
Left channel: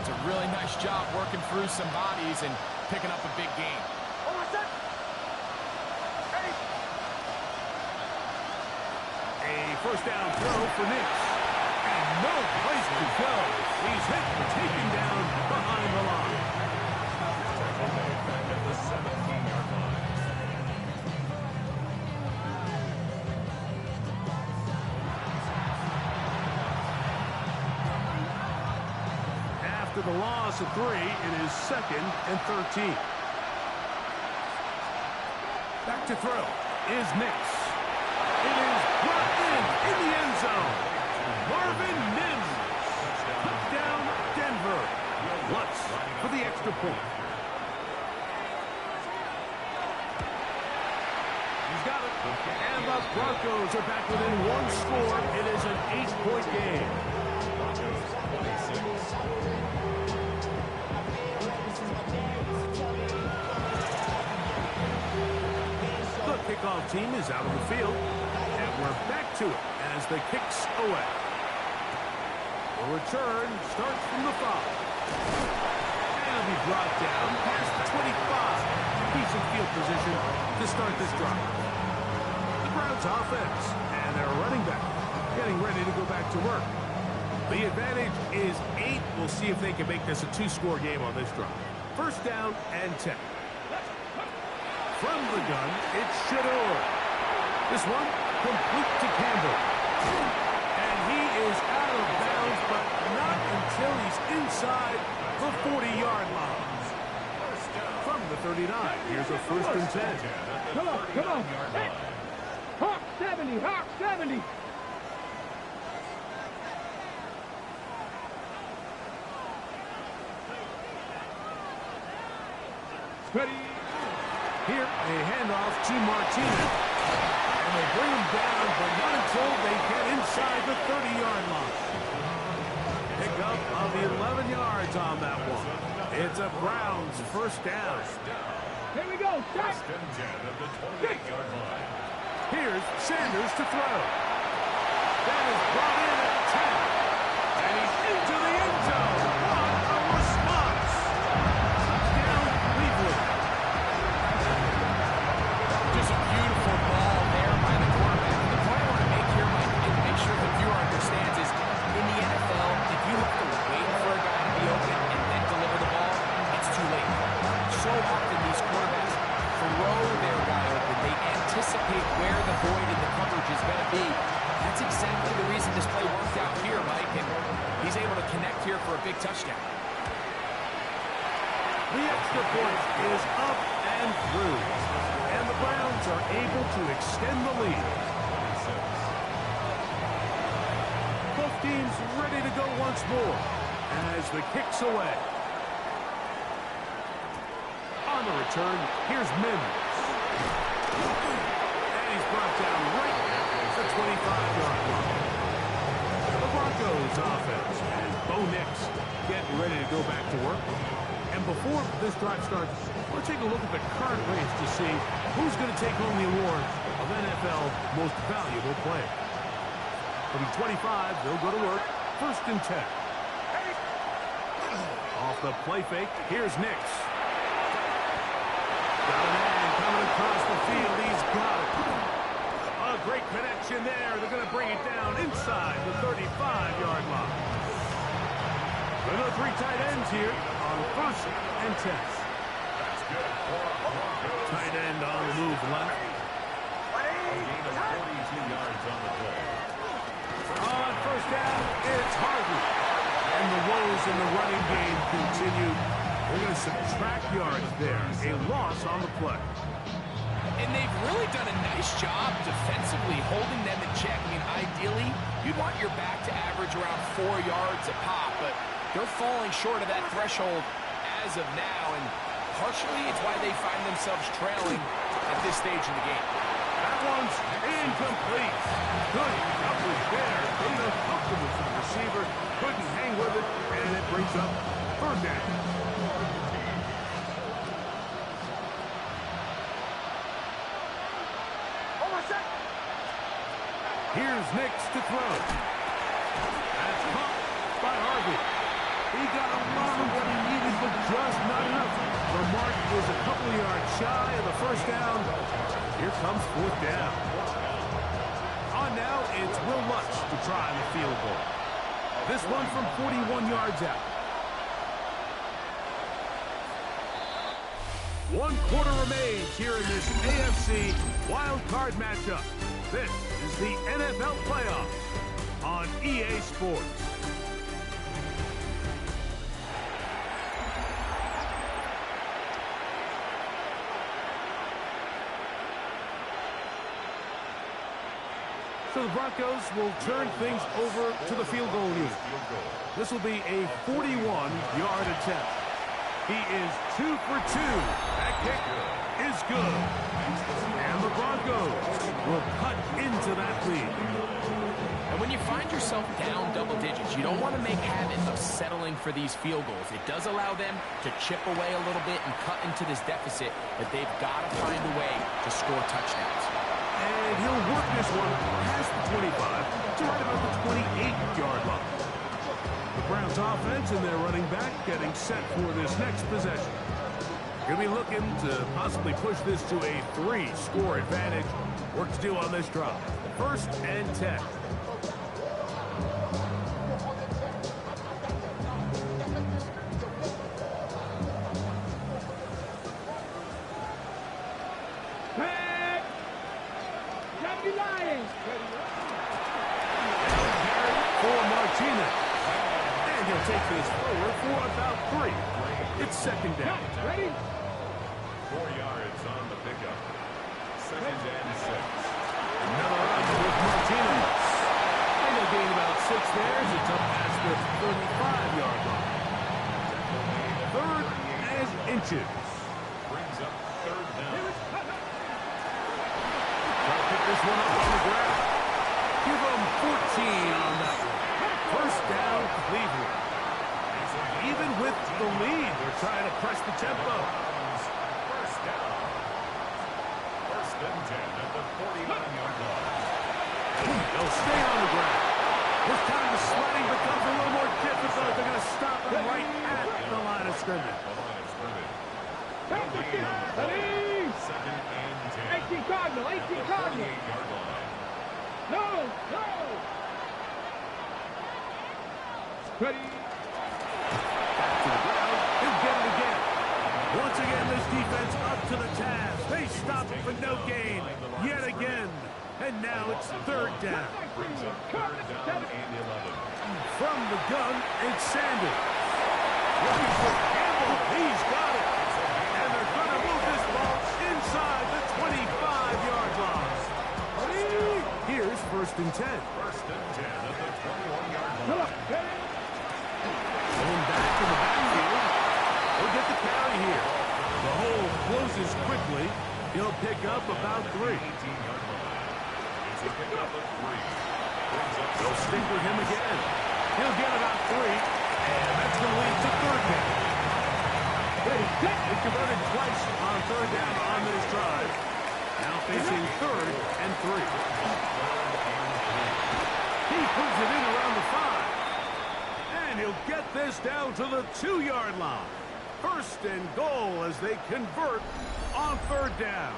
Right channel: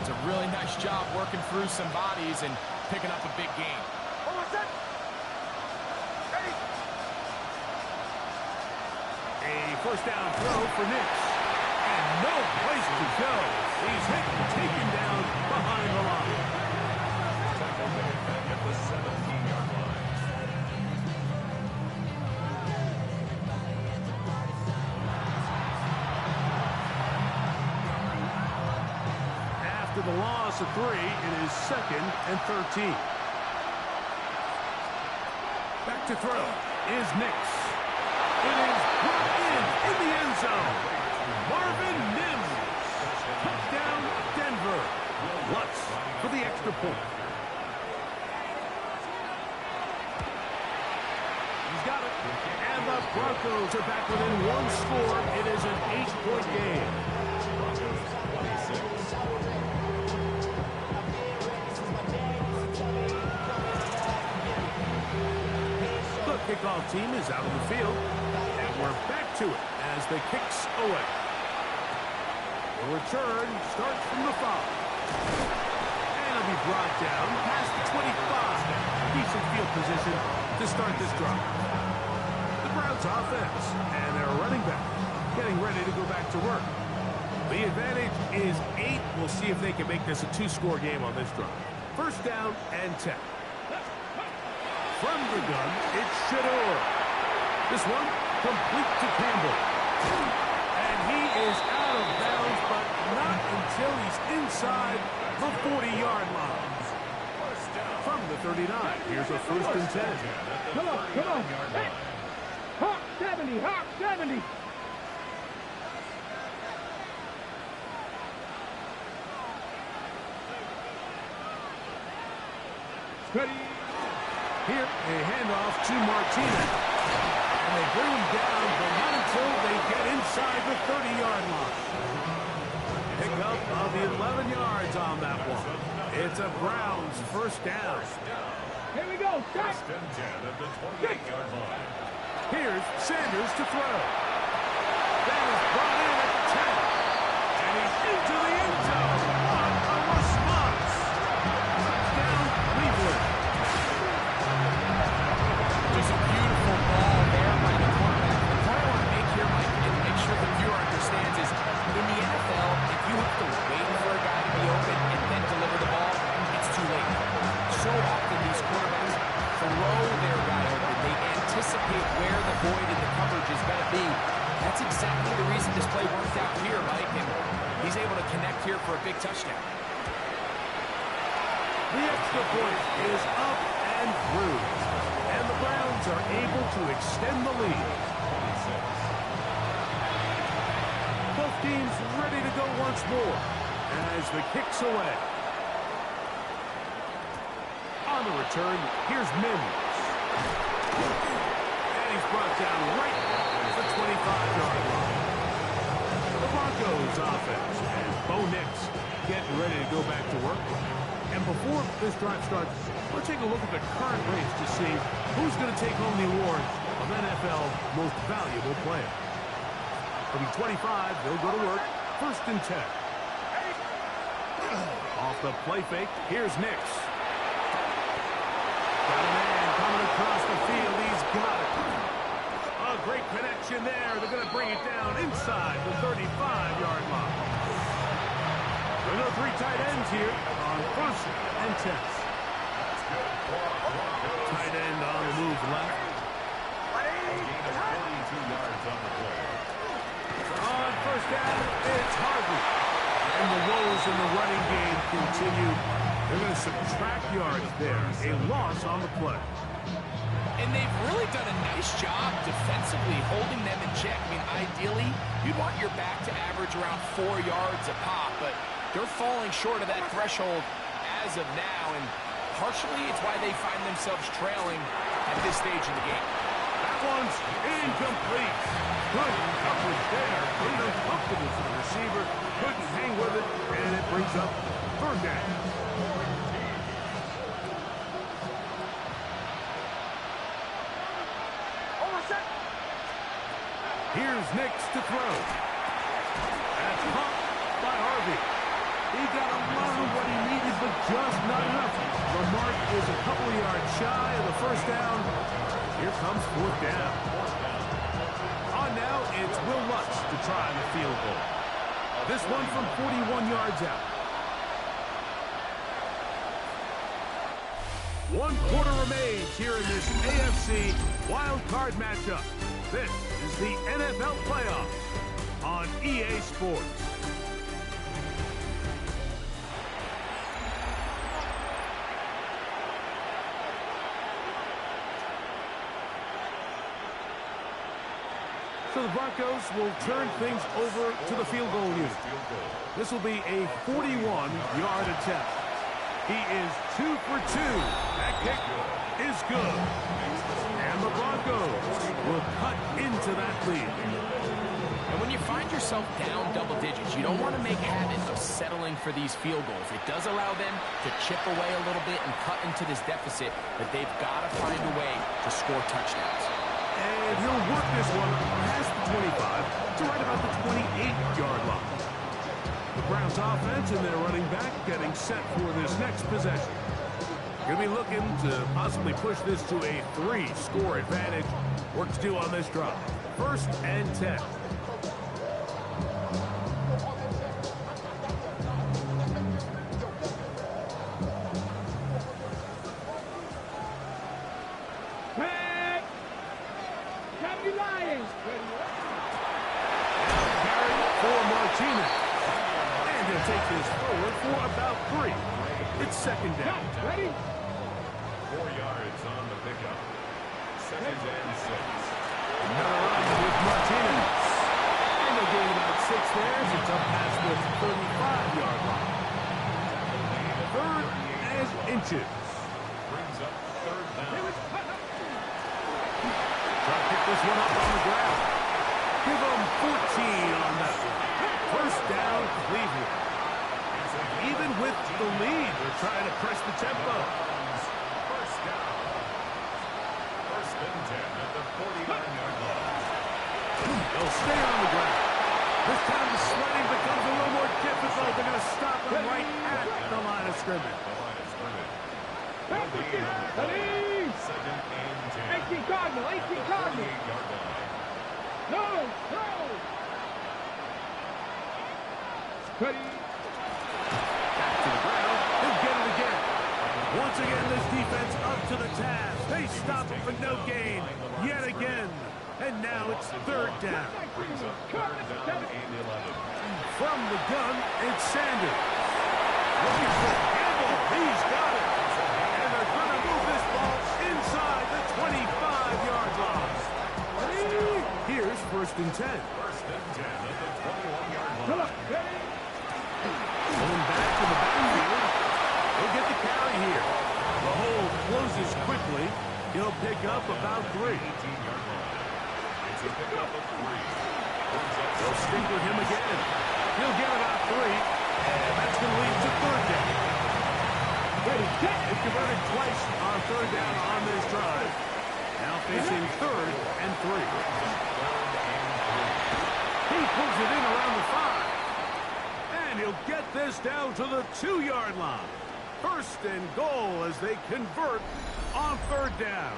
It's a really nice job working through some bodies and picking up a big gain. A 1st down throw for Nix. And no place to go. He's hit and taken down behind the line. Tackle made back at the 17-yard line. After the loss of 3, it is 2nd and 13. Back to throw is Nix. It is brought in the end zone. Marvin Mims. Touchdown, Denver. Lutz for the extra point. He's got it. And the Broncos are back within 1 score. It is an 8-point game. Broncos 26. The kickoff team is out on the field, and we're back to it as the kicks away. The return starts from the 5. And it'll be brought down past the 25. Decent field position to start this drive. The Browns offense and their running back getting ready to go back to work. The advantage is 8. We'll see if they can make this a 2-score game on this drive. 1st down and 10. From the gun, it's Shador. This one, complete to Campbell. And he is out of bounds, but not until he's inside the 40-yard line. From the 39, here's a 1st and 10. Come on. Hey. Hawk 70. Ready. Here, a handoff to Martinez. And they bring him down, but not until they get inside the 30-yard line. Pickup of 11 yards on that one. It's a Browns 1st down. Here we go. Start. 1st and 10 at the 28-yard line. Here's Sanders to throw. That is brought in at the 10. into the end zone. What a response. Touchdown, Cleveland. Just a beautiful ball there by the quarterback. And the point I want to make here, Mike, and make sure the viewer understands is, in the NFL, if you have to wait for a guy to be open and then deliver the ball, it's too late. So often these quarterbacks throw their guy open. They anticipate where the void in the coverage is going to be. That's exactly the reason this play worked out here, Mike, and he's able to connect here for a big touchdown. The extra point is up and through, and the Browns are able to extend the lead. 26. Both teams ready to go once more as the kick's away. On the return, here's Mims. And he's brought down right at the 25-yard line. The Broncos offense and Bo Nix getting ready to go back to work. And before this drive starts, we'll take a look at the current race to see who's going to take home the award of NFL Most Valuable Player. From 25, they'll go to work. 1st and 10. Off the play fake, here's Nix. Got a man coming across the field. He's got it. A great connection there. They're going to bring it down inside the 35-yard line. There are 3 tight ends here on 1st and 10. That's good. Tight end on the move left. A gain of 42 yards on the play. On 1st down, it's Harvey. And the woes in the running game continue. They're going to subtract yards there. A loss on the play. And they've really done a nice job defensively holding them in check. I mean, ideally, you'd want your back to average around 4 yards a pop, but they're falling short of that threshold as of now, and partially it's why they find themselves trailing at this stage in the game. That one's incomplete. Good coverage there. Uncomfortable for the receiver. Couldn't hang with it, and it brings up 3rd down. Here's Nix to throw. That's caught by Harvey. He got a lot of what he needed, but just not enough. The mark is a couple of yards shy of the 1st down. Here comes 4th down. On now, it's Will Lutz to try the field goal. This one from 41 yards out. 1 quarter remains here in this AFC wild card matchup. This is the NFL playoffs on EA Sports. So the Broncos will turn things over to the field goal unit. This will be a 41-yard attempt. He is 2 for 2. That kick is good. And the Broncos will cut into that lead. And when you find yourself down double digits, you don't want to make habit of settling for these field goals. It does allow them to chip away a little bit and cut into this deficit, but they've got to find a way to score touchdowns. And he'll work this one past the 25 to right about the 28-yard line. The Browns offense and their running back getting set for this next possession. Going to be looking to possibly push this to a 3-score advantage. Work to do on this drive. 1st and 10. And he'll take this forward for about 3. It's 2nd down. Ready? 4 yards on the pickup. 2nd and 6. Another run with Martinez. And he'll gain about 6 there as it's up past the 35-yard line. 3rd and inches. Brings up 3rd down. Try to pick this one up on the ground. Give them 14 on that one. 1st down, Cleveland. Even with the lead, they're trying to press the tempo. 1st down. 1st and 10 at the 49-yard line. They'll stay on the ground. This time the sledding becomes a little more difficult. They're going to stop him right at the line of scrimmage. Second and 10. 18 Cardinal, 18 Cardinal. 38-yard line. No, no. Ready. Back to the ground. He'll get it again. Once again, this defense up to the task. They stop him for no gain yet again. And now it's third down. Brings up third down and 11. From the gun, it's Sanders. Looking for Campbell. He's got it. And they're going to move this ball inside the 25-yard line. Here's first and 10. First and 10 at the 21-yard line. Going back to the backfield. He'll get the carry here. The hole closes quickly. He'll pick up about 3. 18-yard line. It's a pickup of 3. They'll stick with him again. He'll get about 3. And that's going to lead to third down. They converted twice on third down on this drive. Now facing third and 3. He pulls it in around the 5. And he'll get this down to the 2-yard line. First and goal as they convert on third down.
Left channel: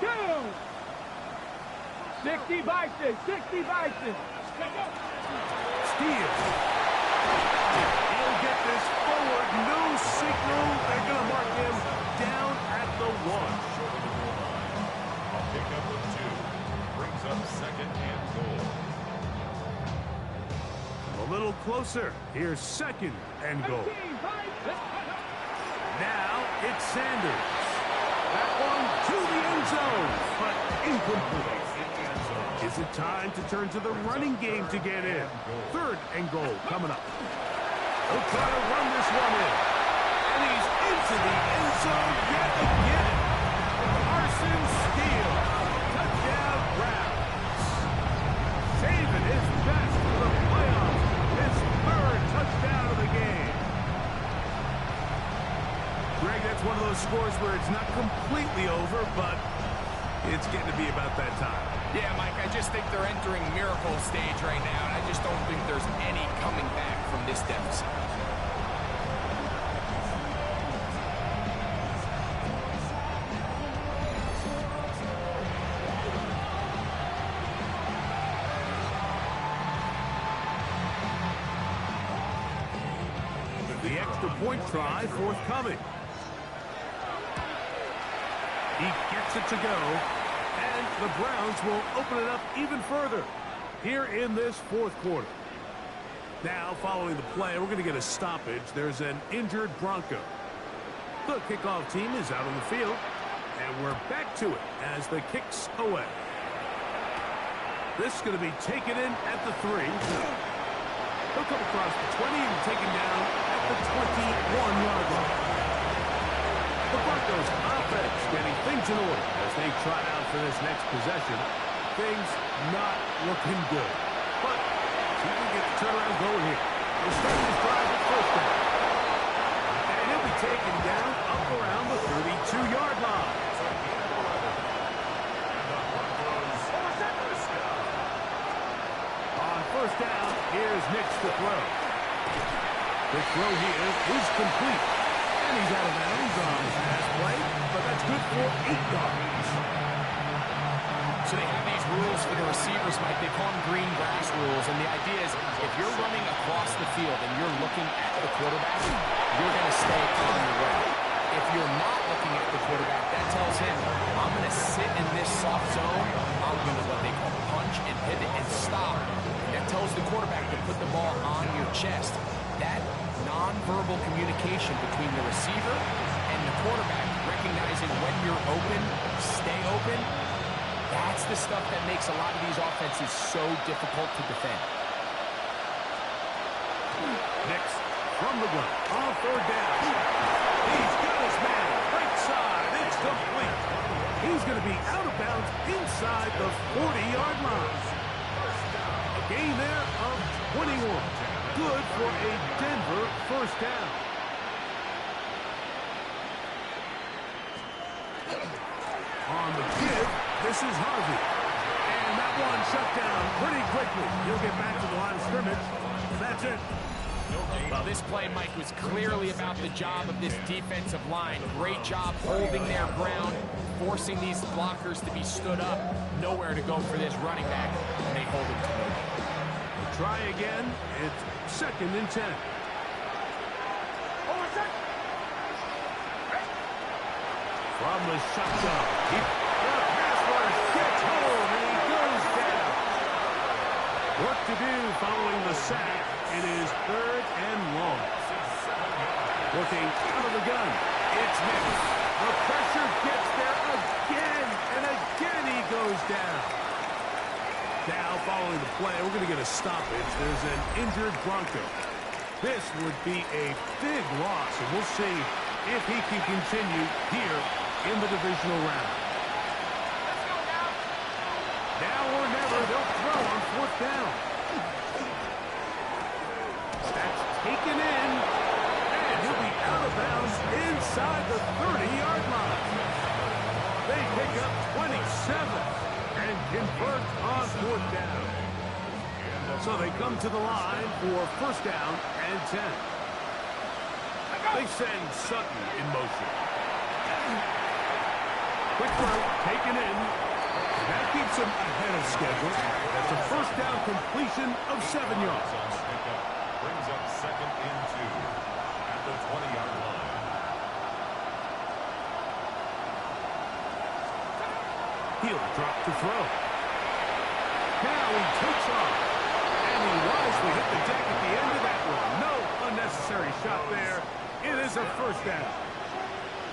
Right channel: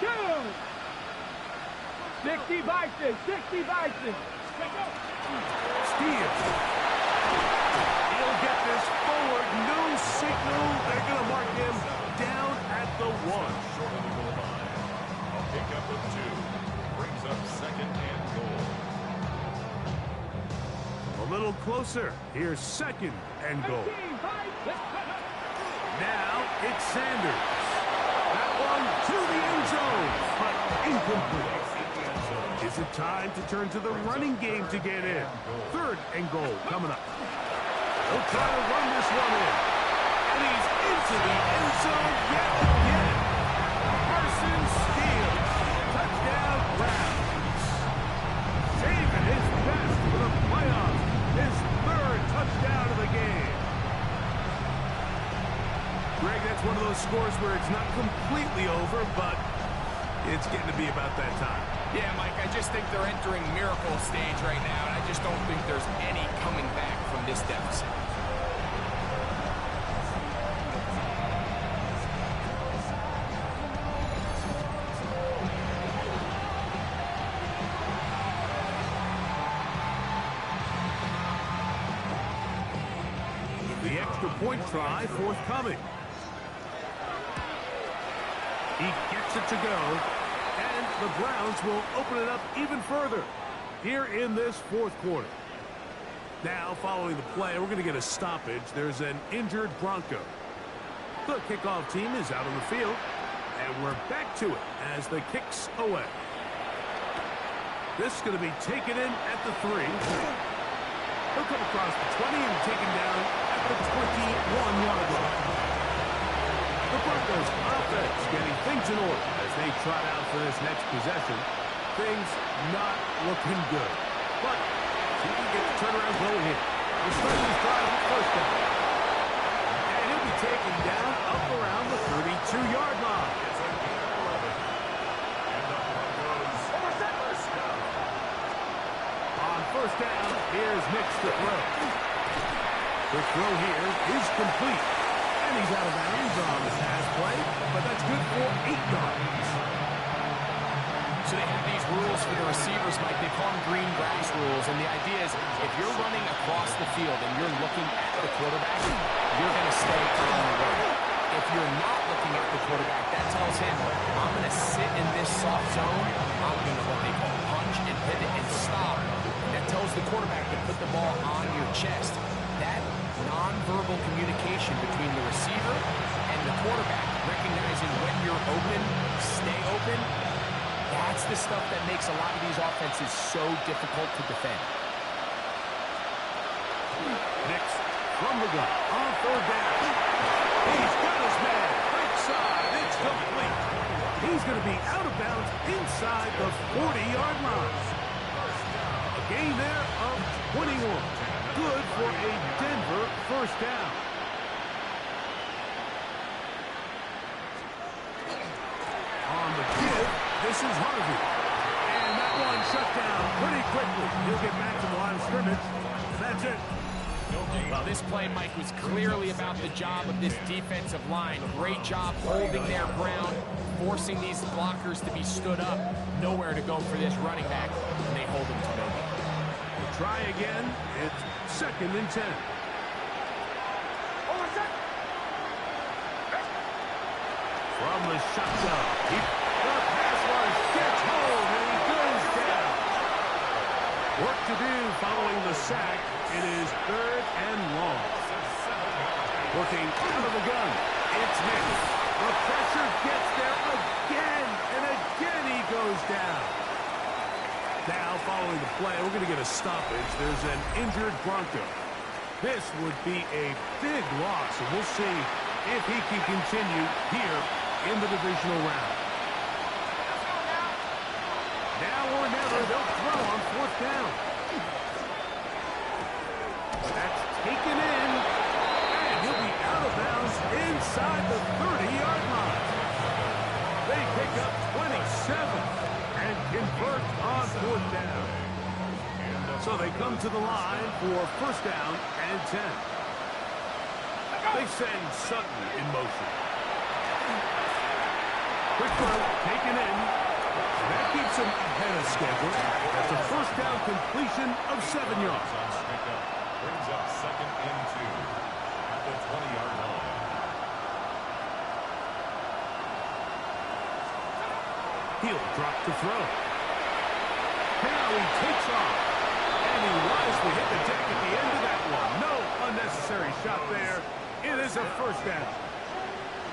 Go! 60 Bison, 60 Bison. Steele. He'll get this forward. No signal. They're going to mark him down at the 1. Short of the goal line. A pickup of 2. Brings up second and goal. A little closer. Here's second and goal. 18 Bison. Now it's Sanders. That one to the end zone, but incomplete. Is it time to turn to the running game to get in? Third and goal coming up. He'll try to run this one in. And he's into the end zone yet again. Carson Steele. Touchdown Browns. Saving his best for the playoffs. His third touchdown of the game. Greg, that's one of those scores where it's not completely over, but it's getting to be about that time. Yeah, Mike, I just think they're entering miracle stage right now, and I just don't think there's any coming back from this deficit. The extra point try forthcoming. He gets it to go, and the Browns will open it up even further here in this fourth quarter. Now, following the play, we're going to get a stoppage. There's an injured Bronco. The kickoff team is out on the field, and we're back to it as the kick's away. This is going to be taken in at the 3. He'll come across the 20 and taken down at the 21-yard line. The Broncos offense getting things in order as they trot out for this next possession. Things not looking good. But see if we get the turnaround going here. We'll start this drive with first down. And he'll be taken down up around the 32-yard line. It's a gain of 11. And the Broncos first down. On first down, here's Nix to throw. Quick throw here is complete. And he's out of bounds on the pass play, but that's good for 8 yards. So they have these rules for the receivers, Mike. They call them green grass rules, and the idea is if you're running across the field and you're looking at the quarterback, you're going to stay on the run. If you're not looking at the quarterback, that tells him, I'm going to sit in this soft zone. I'm going to what they call punch and pivot and stop. That tells the quarterback to put the ball on your chest. That nonverbal communication between the receiver and the quarterback, recognizing when you're open, stay open, that's the stuff that makes a lot of these offenses so difficult to defend. Nix from the gun on third down. He's got his man. Right side. It's complete. He's going to be out of bounds inside the 40-yard line. A gain there of 21. good for a Denver first down. On the give, this is Harvey. And that one shut down pretty quickly. He'll get back to the line of scrimmage. That's it. Well, this play, Mike, was clearly about the job of this defensive line. Great job holding their ground, forcing these blockers to be stood up. Nowhere to go for this running back, and they hold him to no gain. We'll try again. It's 2nd and 10. From the shotgun, the pass rush gets home, and he goes down. Work to do following the sack. It is 3rd and long. Working out of the gun. It's mixed. The pressure gets there again, and again he goes down. Now, following the play, we're going to get a stoppage. There's an injured Bronco. This would be a big loss, and we'll see if he can continue here in the divisional round. Let's go now. Now or never, they'll throw on 4th down. That's taken in, and he'll be out of bounds inside the 30-yard line. They pick up 27 and convert on 4th down. So they come to the line for 1st down and 10. They send Sutton in motion. Quick throw, taken in. That keeps him ahead of schedule. That's a 1st down completion of 7 yards. Brings up 2nd and 2 at the 20-yard line. He'll drop to throw. Now he takes off. And he wisely hit the deck at the end of that one. No unnecessary shot there. It is a 1st down.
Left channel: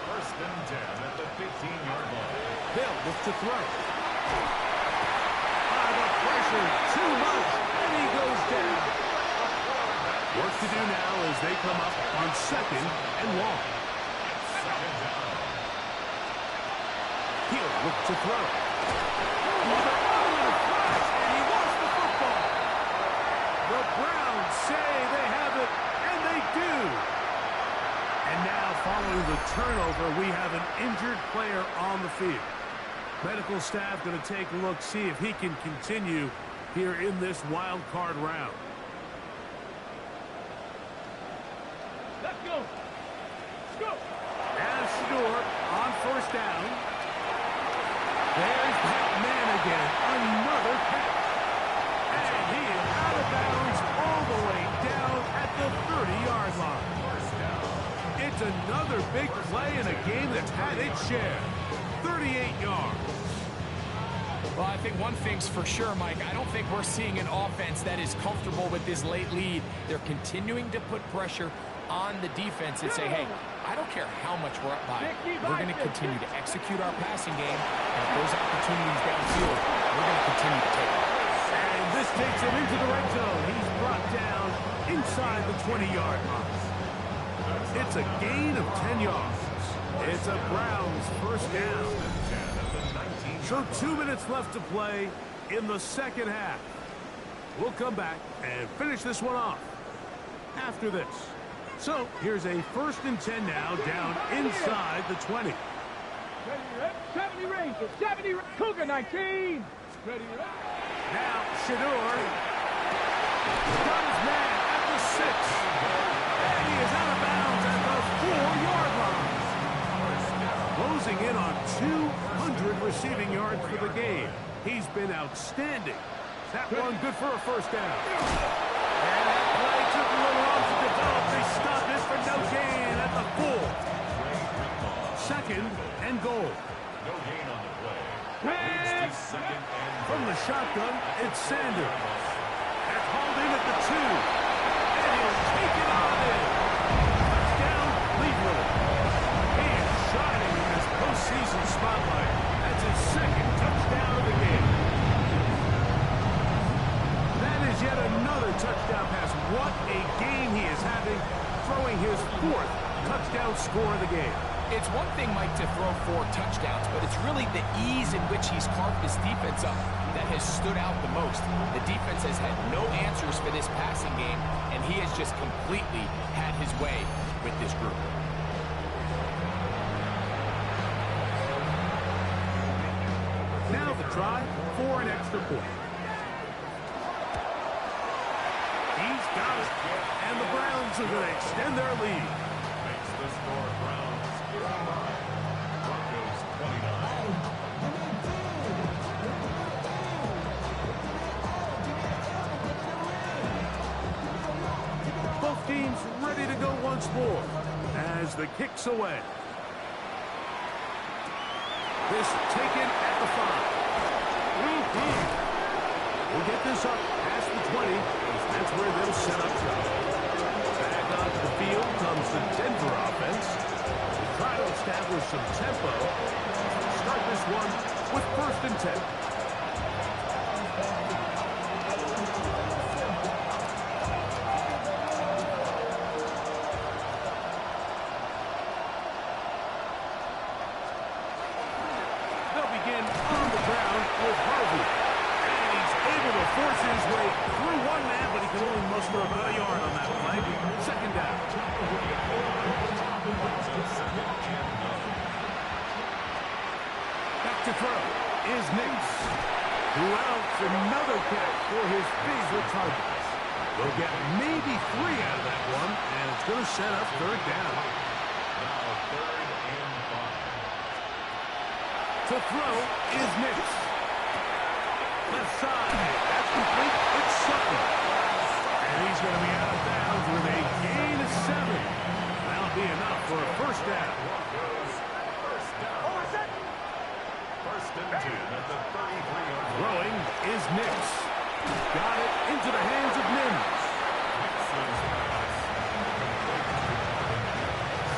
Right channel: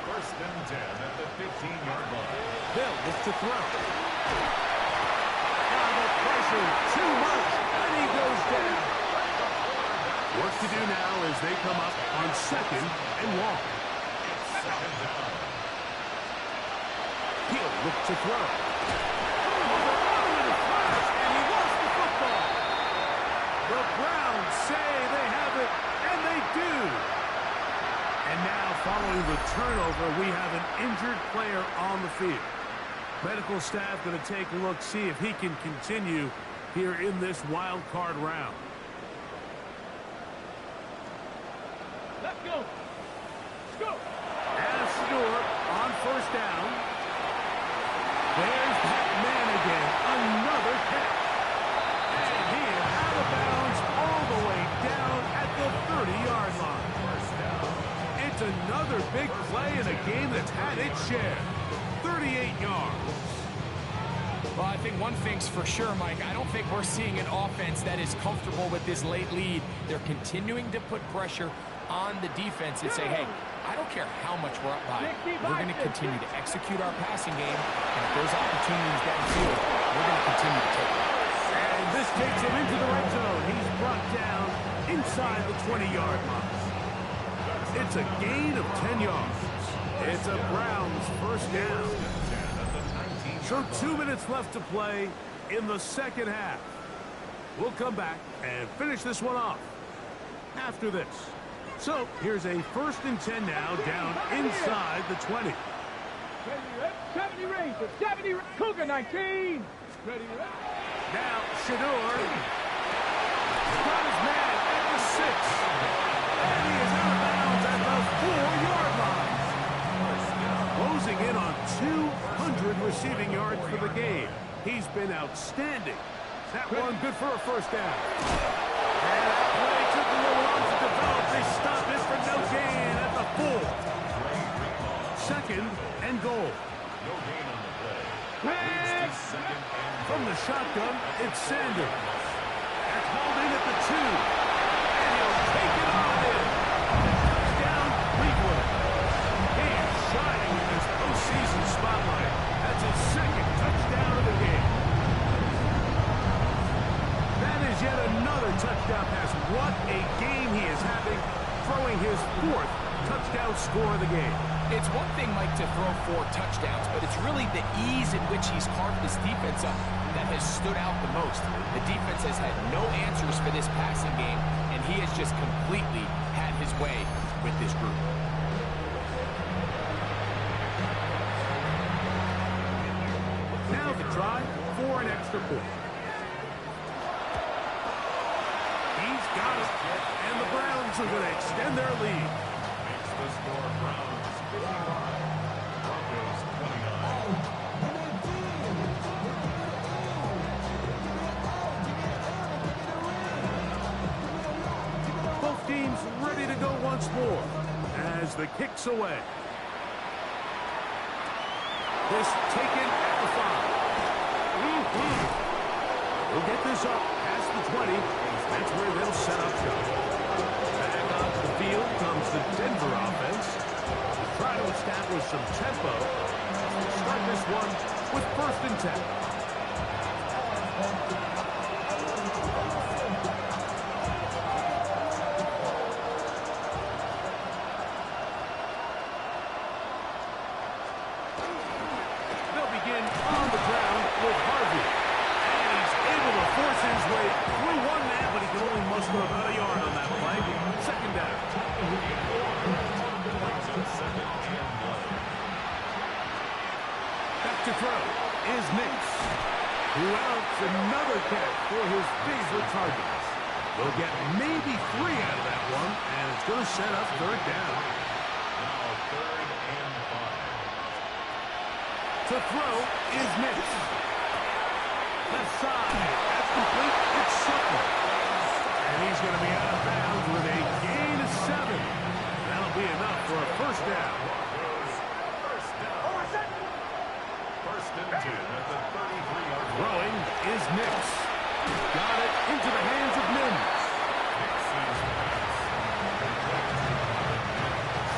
1st and 10 at the 15-yard line. They'll look to throw. The pressure, too much, and he goes down. Work to do now as they come up on 2nd and long. It's 2nd down. He'll look to throw. Oh, they're on him in a flash, and he lost the football. The Browns say they have it, and they do. And now, following the turnover, we have an injured player on the field. Medical staff going to take a look, see if he can continue here in this wild card round. Let's go. Let's go. As Stewart on 1st down. There's that man again. Another catch. And he is out of bounds all the way down at the 30-yard line. 1st down. It's another big play in a game that's had its share. 38 yards. Well, I think one thing's for sure, Mike. I don't think we're seeing an offense that is comfortable with this late lead. They're continuing to put pressure on the defense and say, hey, I don't care how much we're up by. We're going to continue to execute our passing game, and if there's opportunities downfield, we're going to continue to take them. And this takes him into the red zone. He's brought down inside the 20-yard line. It's a gain of 10 yards. It's a Browns 1st down. So 2 minutes left to play in the 2nd half. We'll come back and finish this one off after this. So here's a 1st and 10 now down inside the 20. Ready, rep. 70 Ranger. 70 Cougar 19. Ready, rep. Now Shador got his man at the 6. And he is out of bounds at the 4-yard line. Closing in on 200 receiving yards for the game. He's been outstanding. That one good for a 1st down. And that play took a little long to develop. They stopped it for no gain at the 4. 2nd and goal. No gain on the play. Leads to 2nd and from the shotgun, it's Sanders. That's hauled in at the 2. And he'll take it on in. Touchdown, Cleveland. He is shining in this postseason spotlight. That's his 2nd touchdown of the game. That is yet another touchdown pass. What a game he is having. throwing his 4th touchdown score of the game. It's one thing, Mike, to throw 4 touchdowns, but it's really the ease in which he's carved his defense up that has stood out the most. The defense has had no answers for this passing game, and he has just completely had his way with this group. Now the try for an extra point. He's got it, and the Browns are going to extend their lead. Makes the score Browns 55, Broncos 29. Both teams ready to go once more as the kick's away. This taken at the 5. We'll get this up past the 20. That's where they'll set up shop. Back onto the field comes the Denver offense. They try to establish some tempo. Start this one with 1st and 10. They'll begin on the ground with Harvey. And he's able to force his way through one man, but he can only muster about a yard on that play. 2nd down. Brings up 2nd and 9. Back to throw is Nix. Who else? Another catch for his favorite targets. They'll get maybe 3 out of that one, and it's going to set up 3rd down. Now 3rd and 5. To throw is Nix. Left side. That's complete. It's Sutton. And he's going to be out of bounds with a gain of 7. That'll be enough for a 1st down. Broncos 1st down. 1st and 10 at the 33-yard line. Throwing is Nix. Got it into the hands of Mims. Nix's pass complete to Marvin Mims.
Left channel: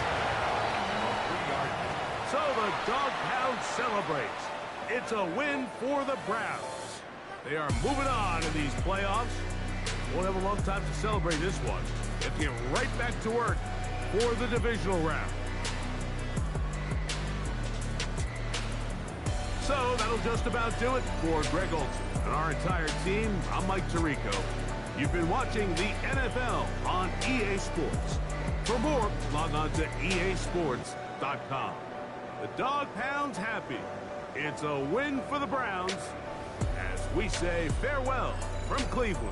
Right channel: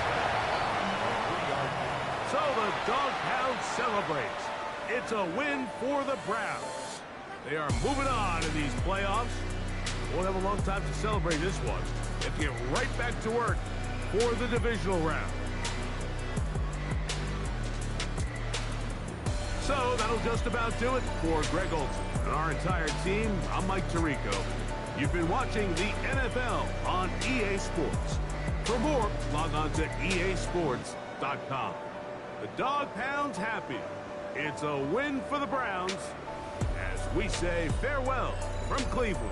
A 3-yard gain. So the Dog Pound celebrates. It's a win for the Browns. They are moving on in these playoffs. Won't have a long time to celebrate this one. They have to get right back to work for the divisional round. So that'll just about do it for Greg Olson and our entire team. I'm Mike Tirico. You've been watching the NFL on EA Sports. For more, log on to easports.com. The Dog Pound's happy. It's a win for the Browns as we say farewell from Cleveland.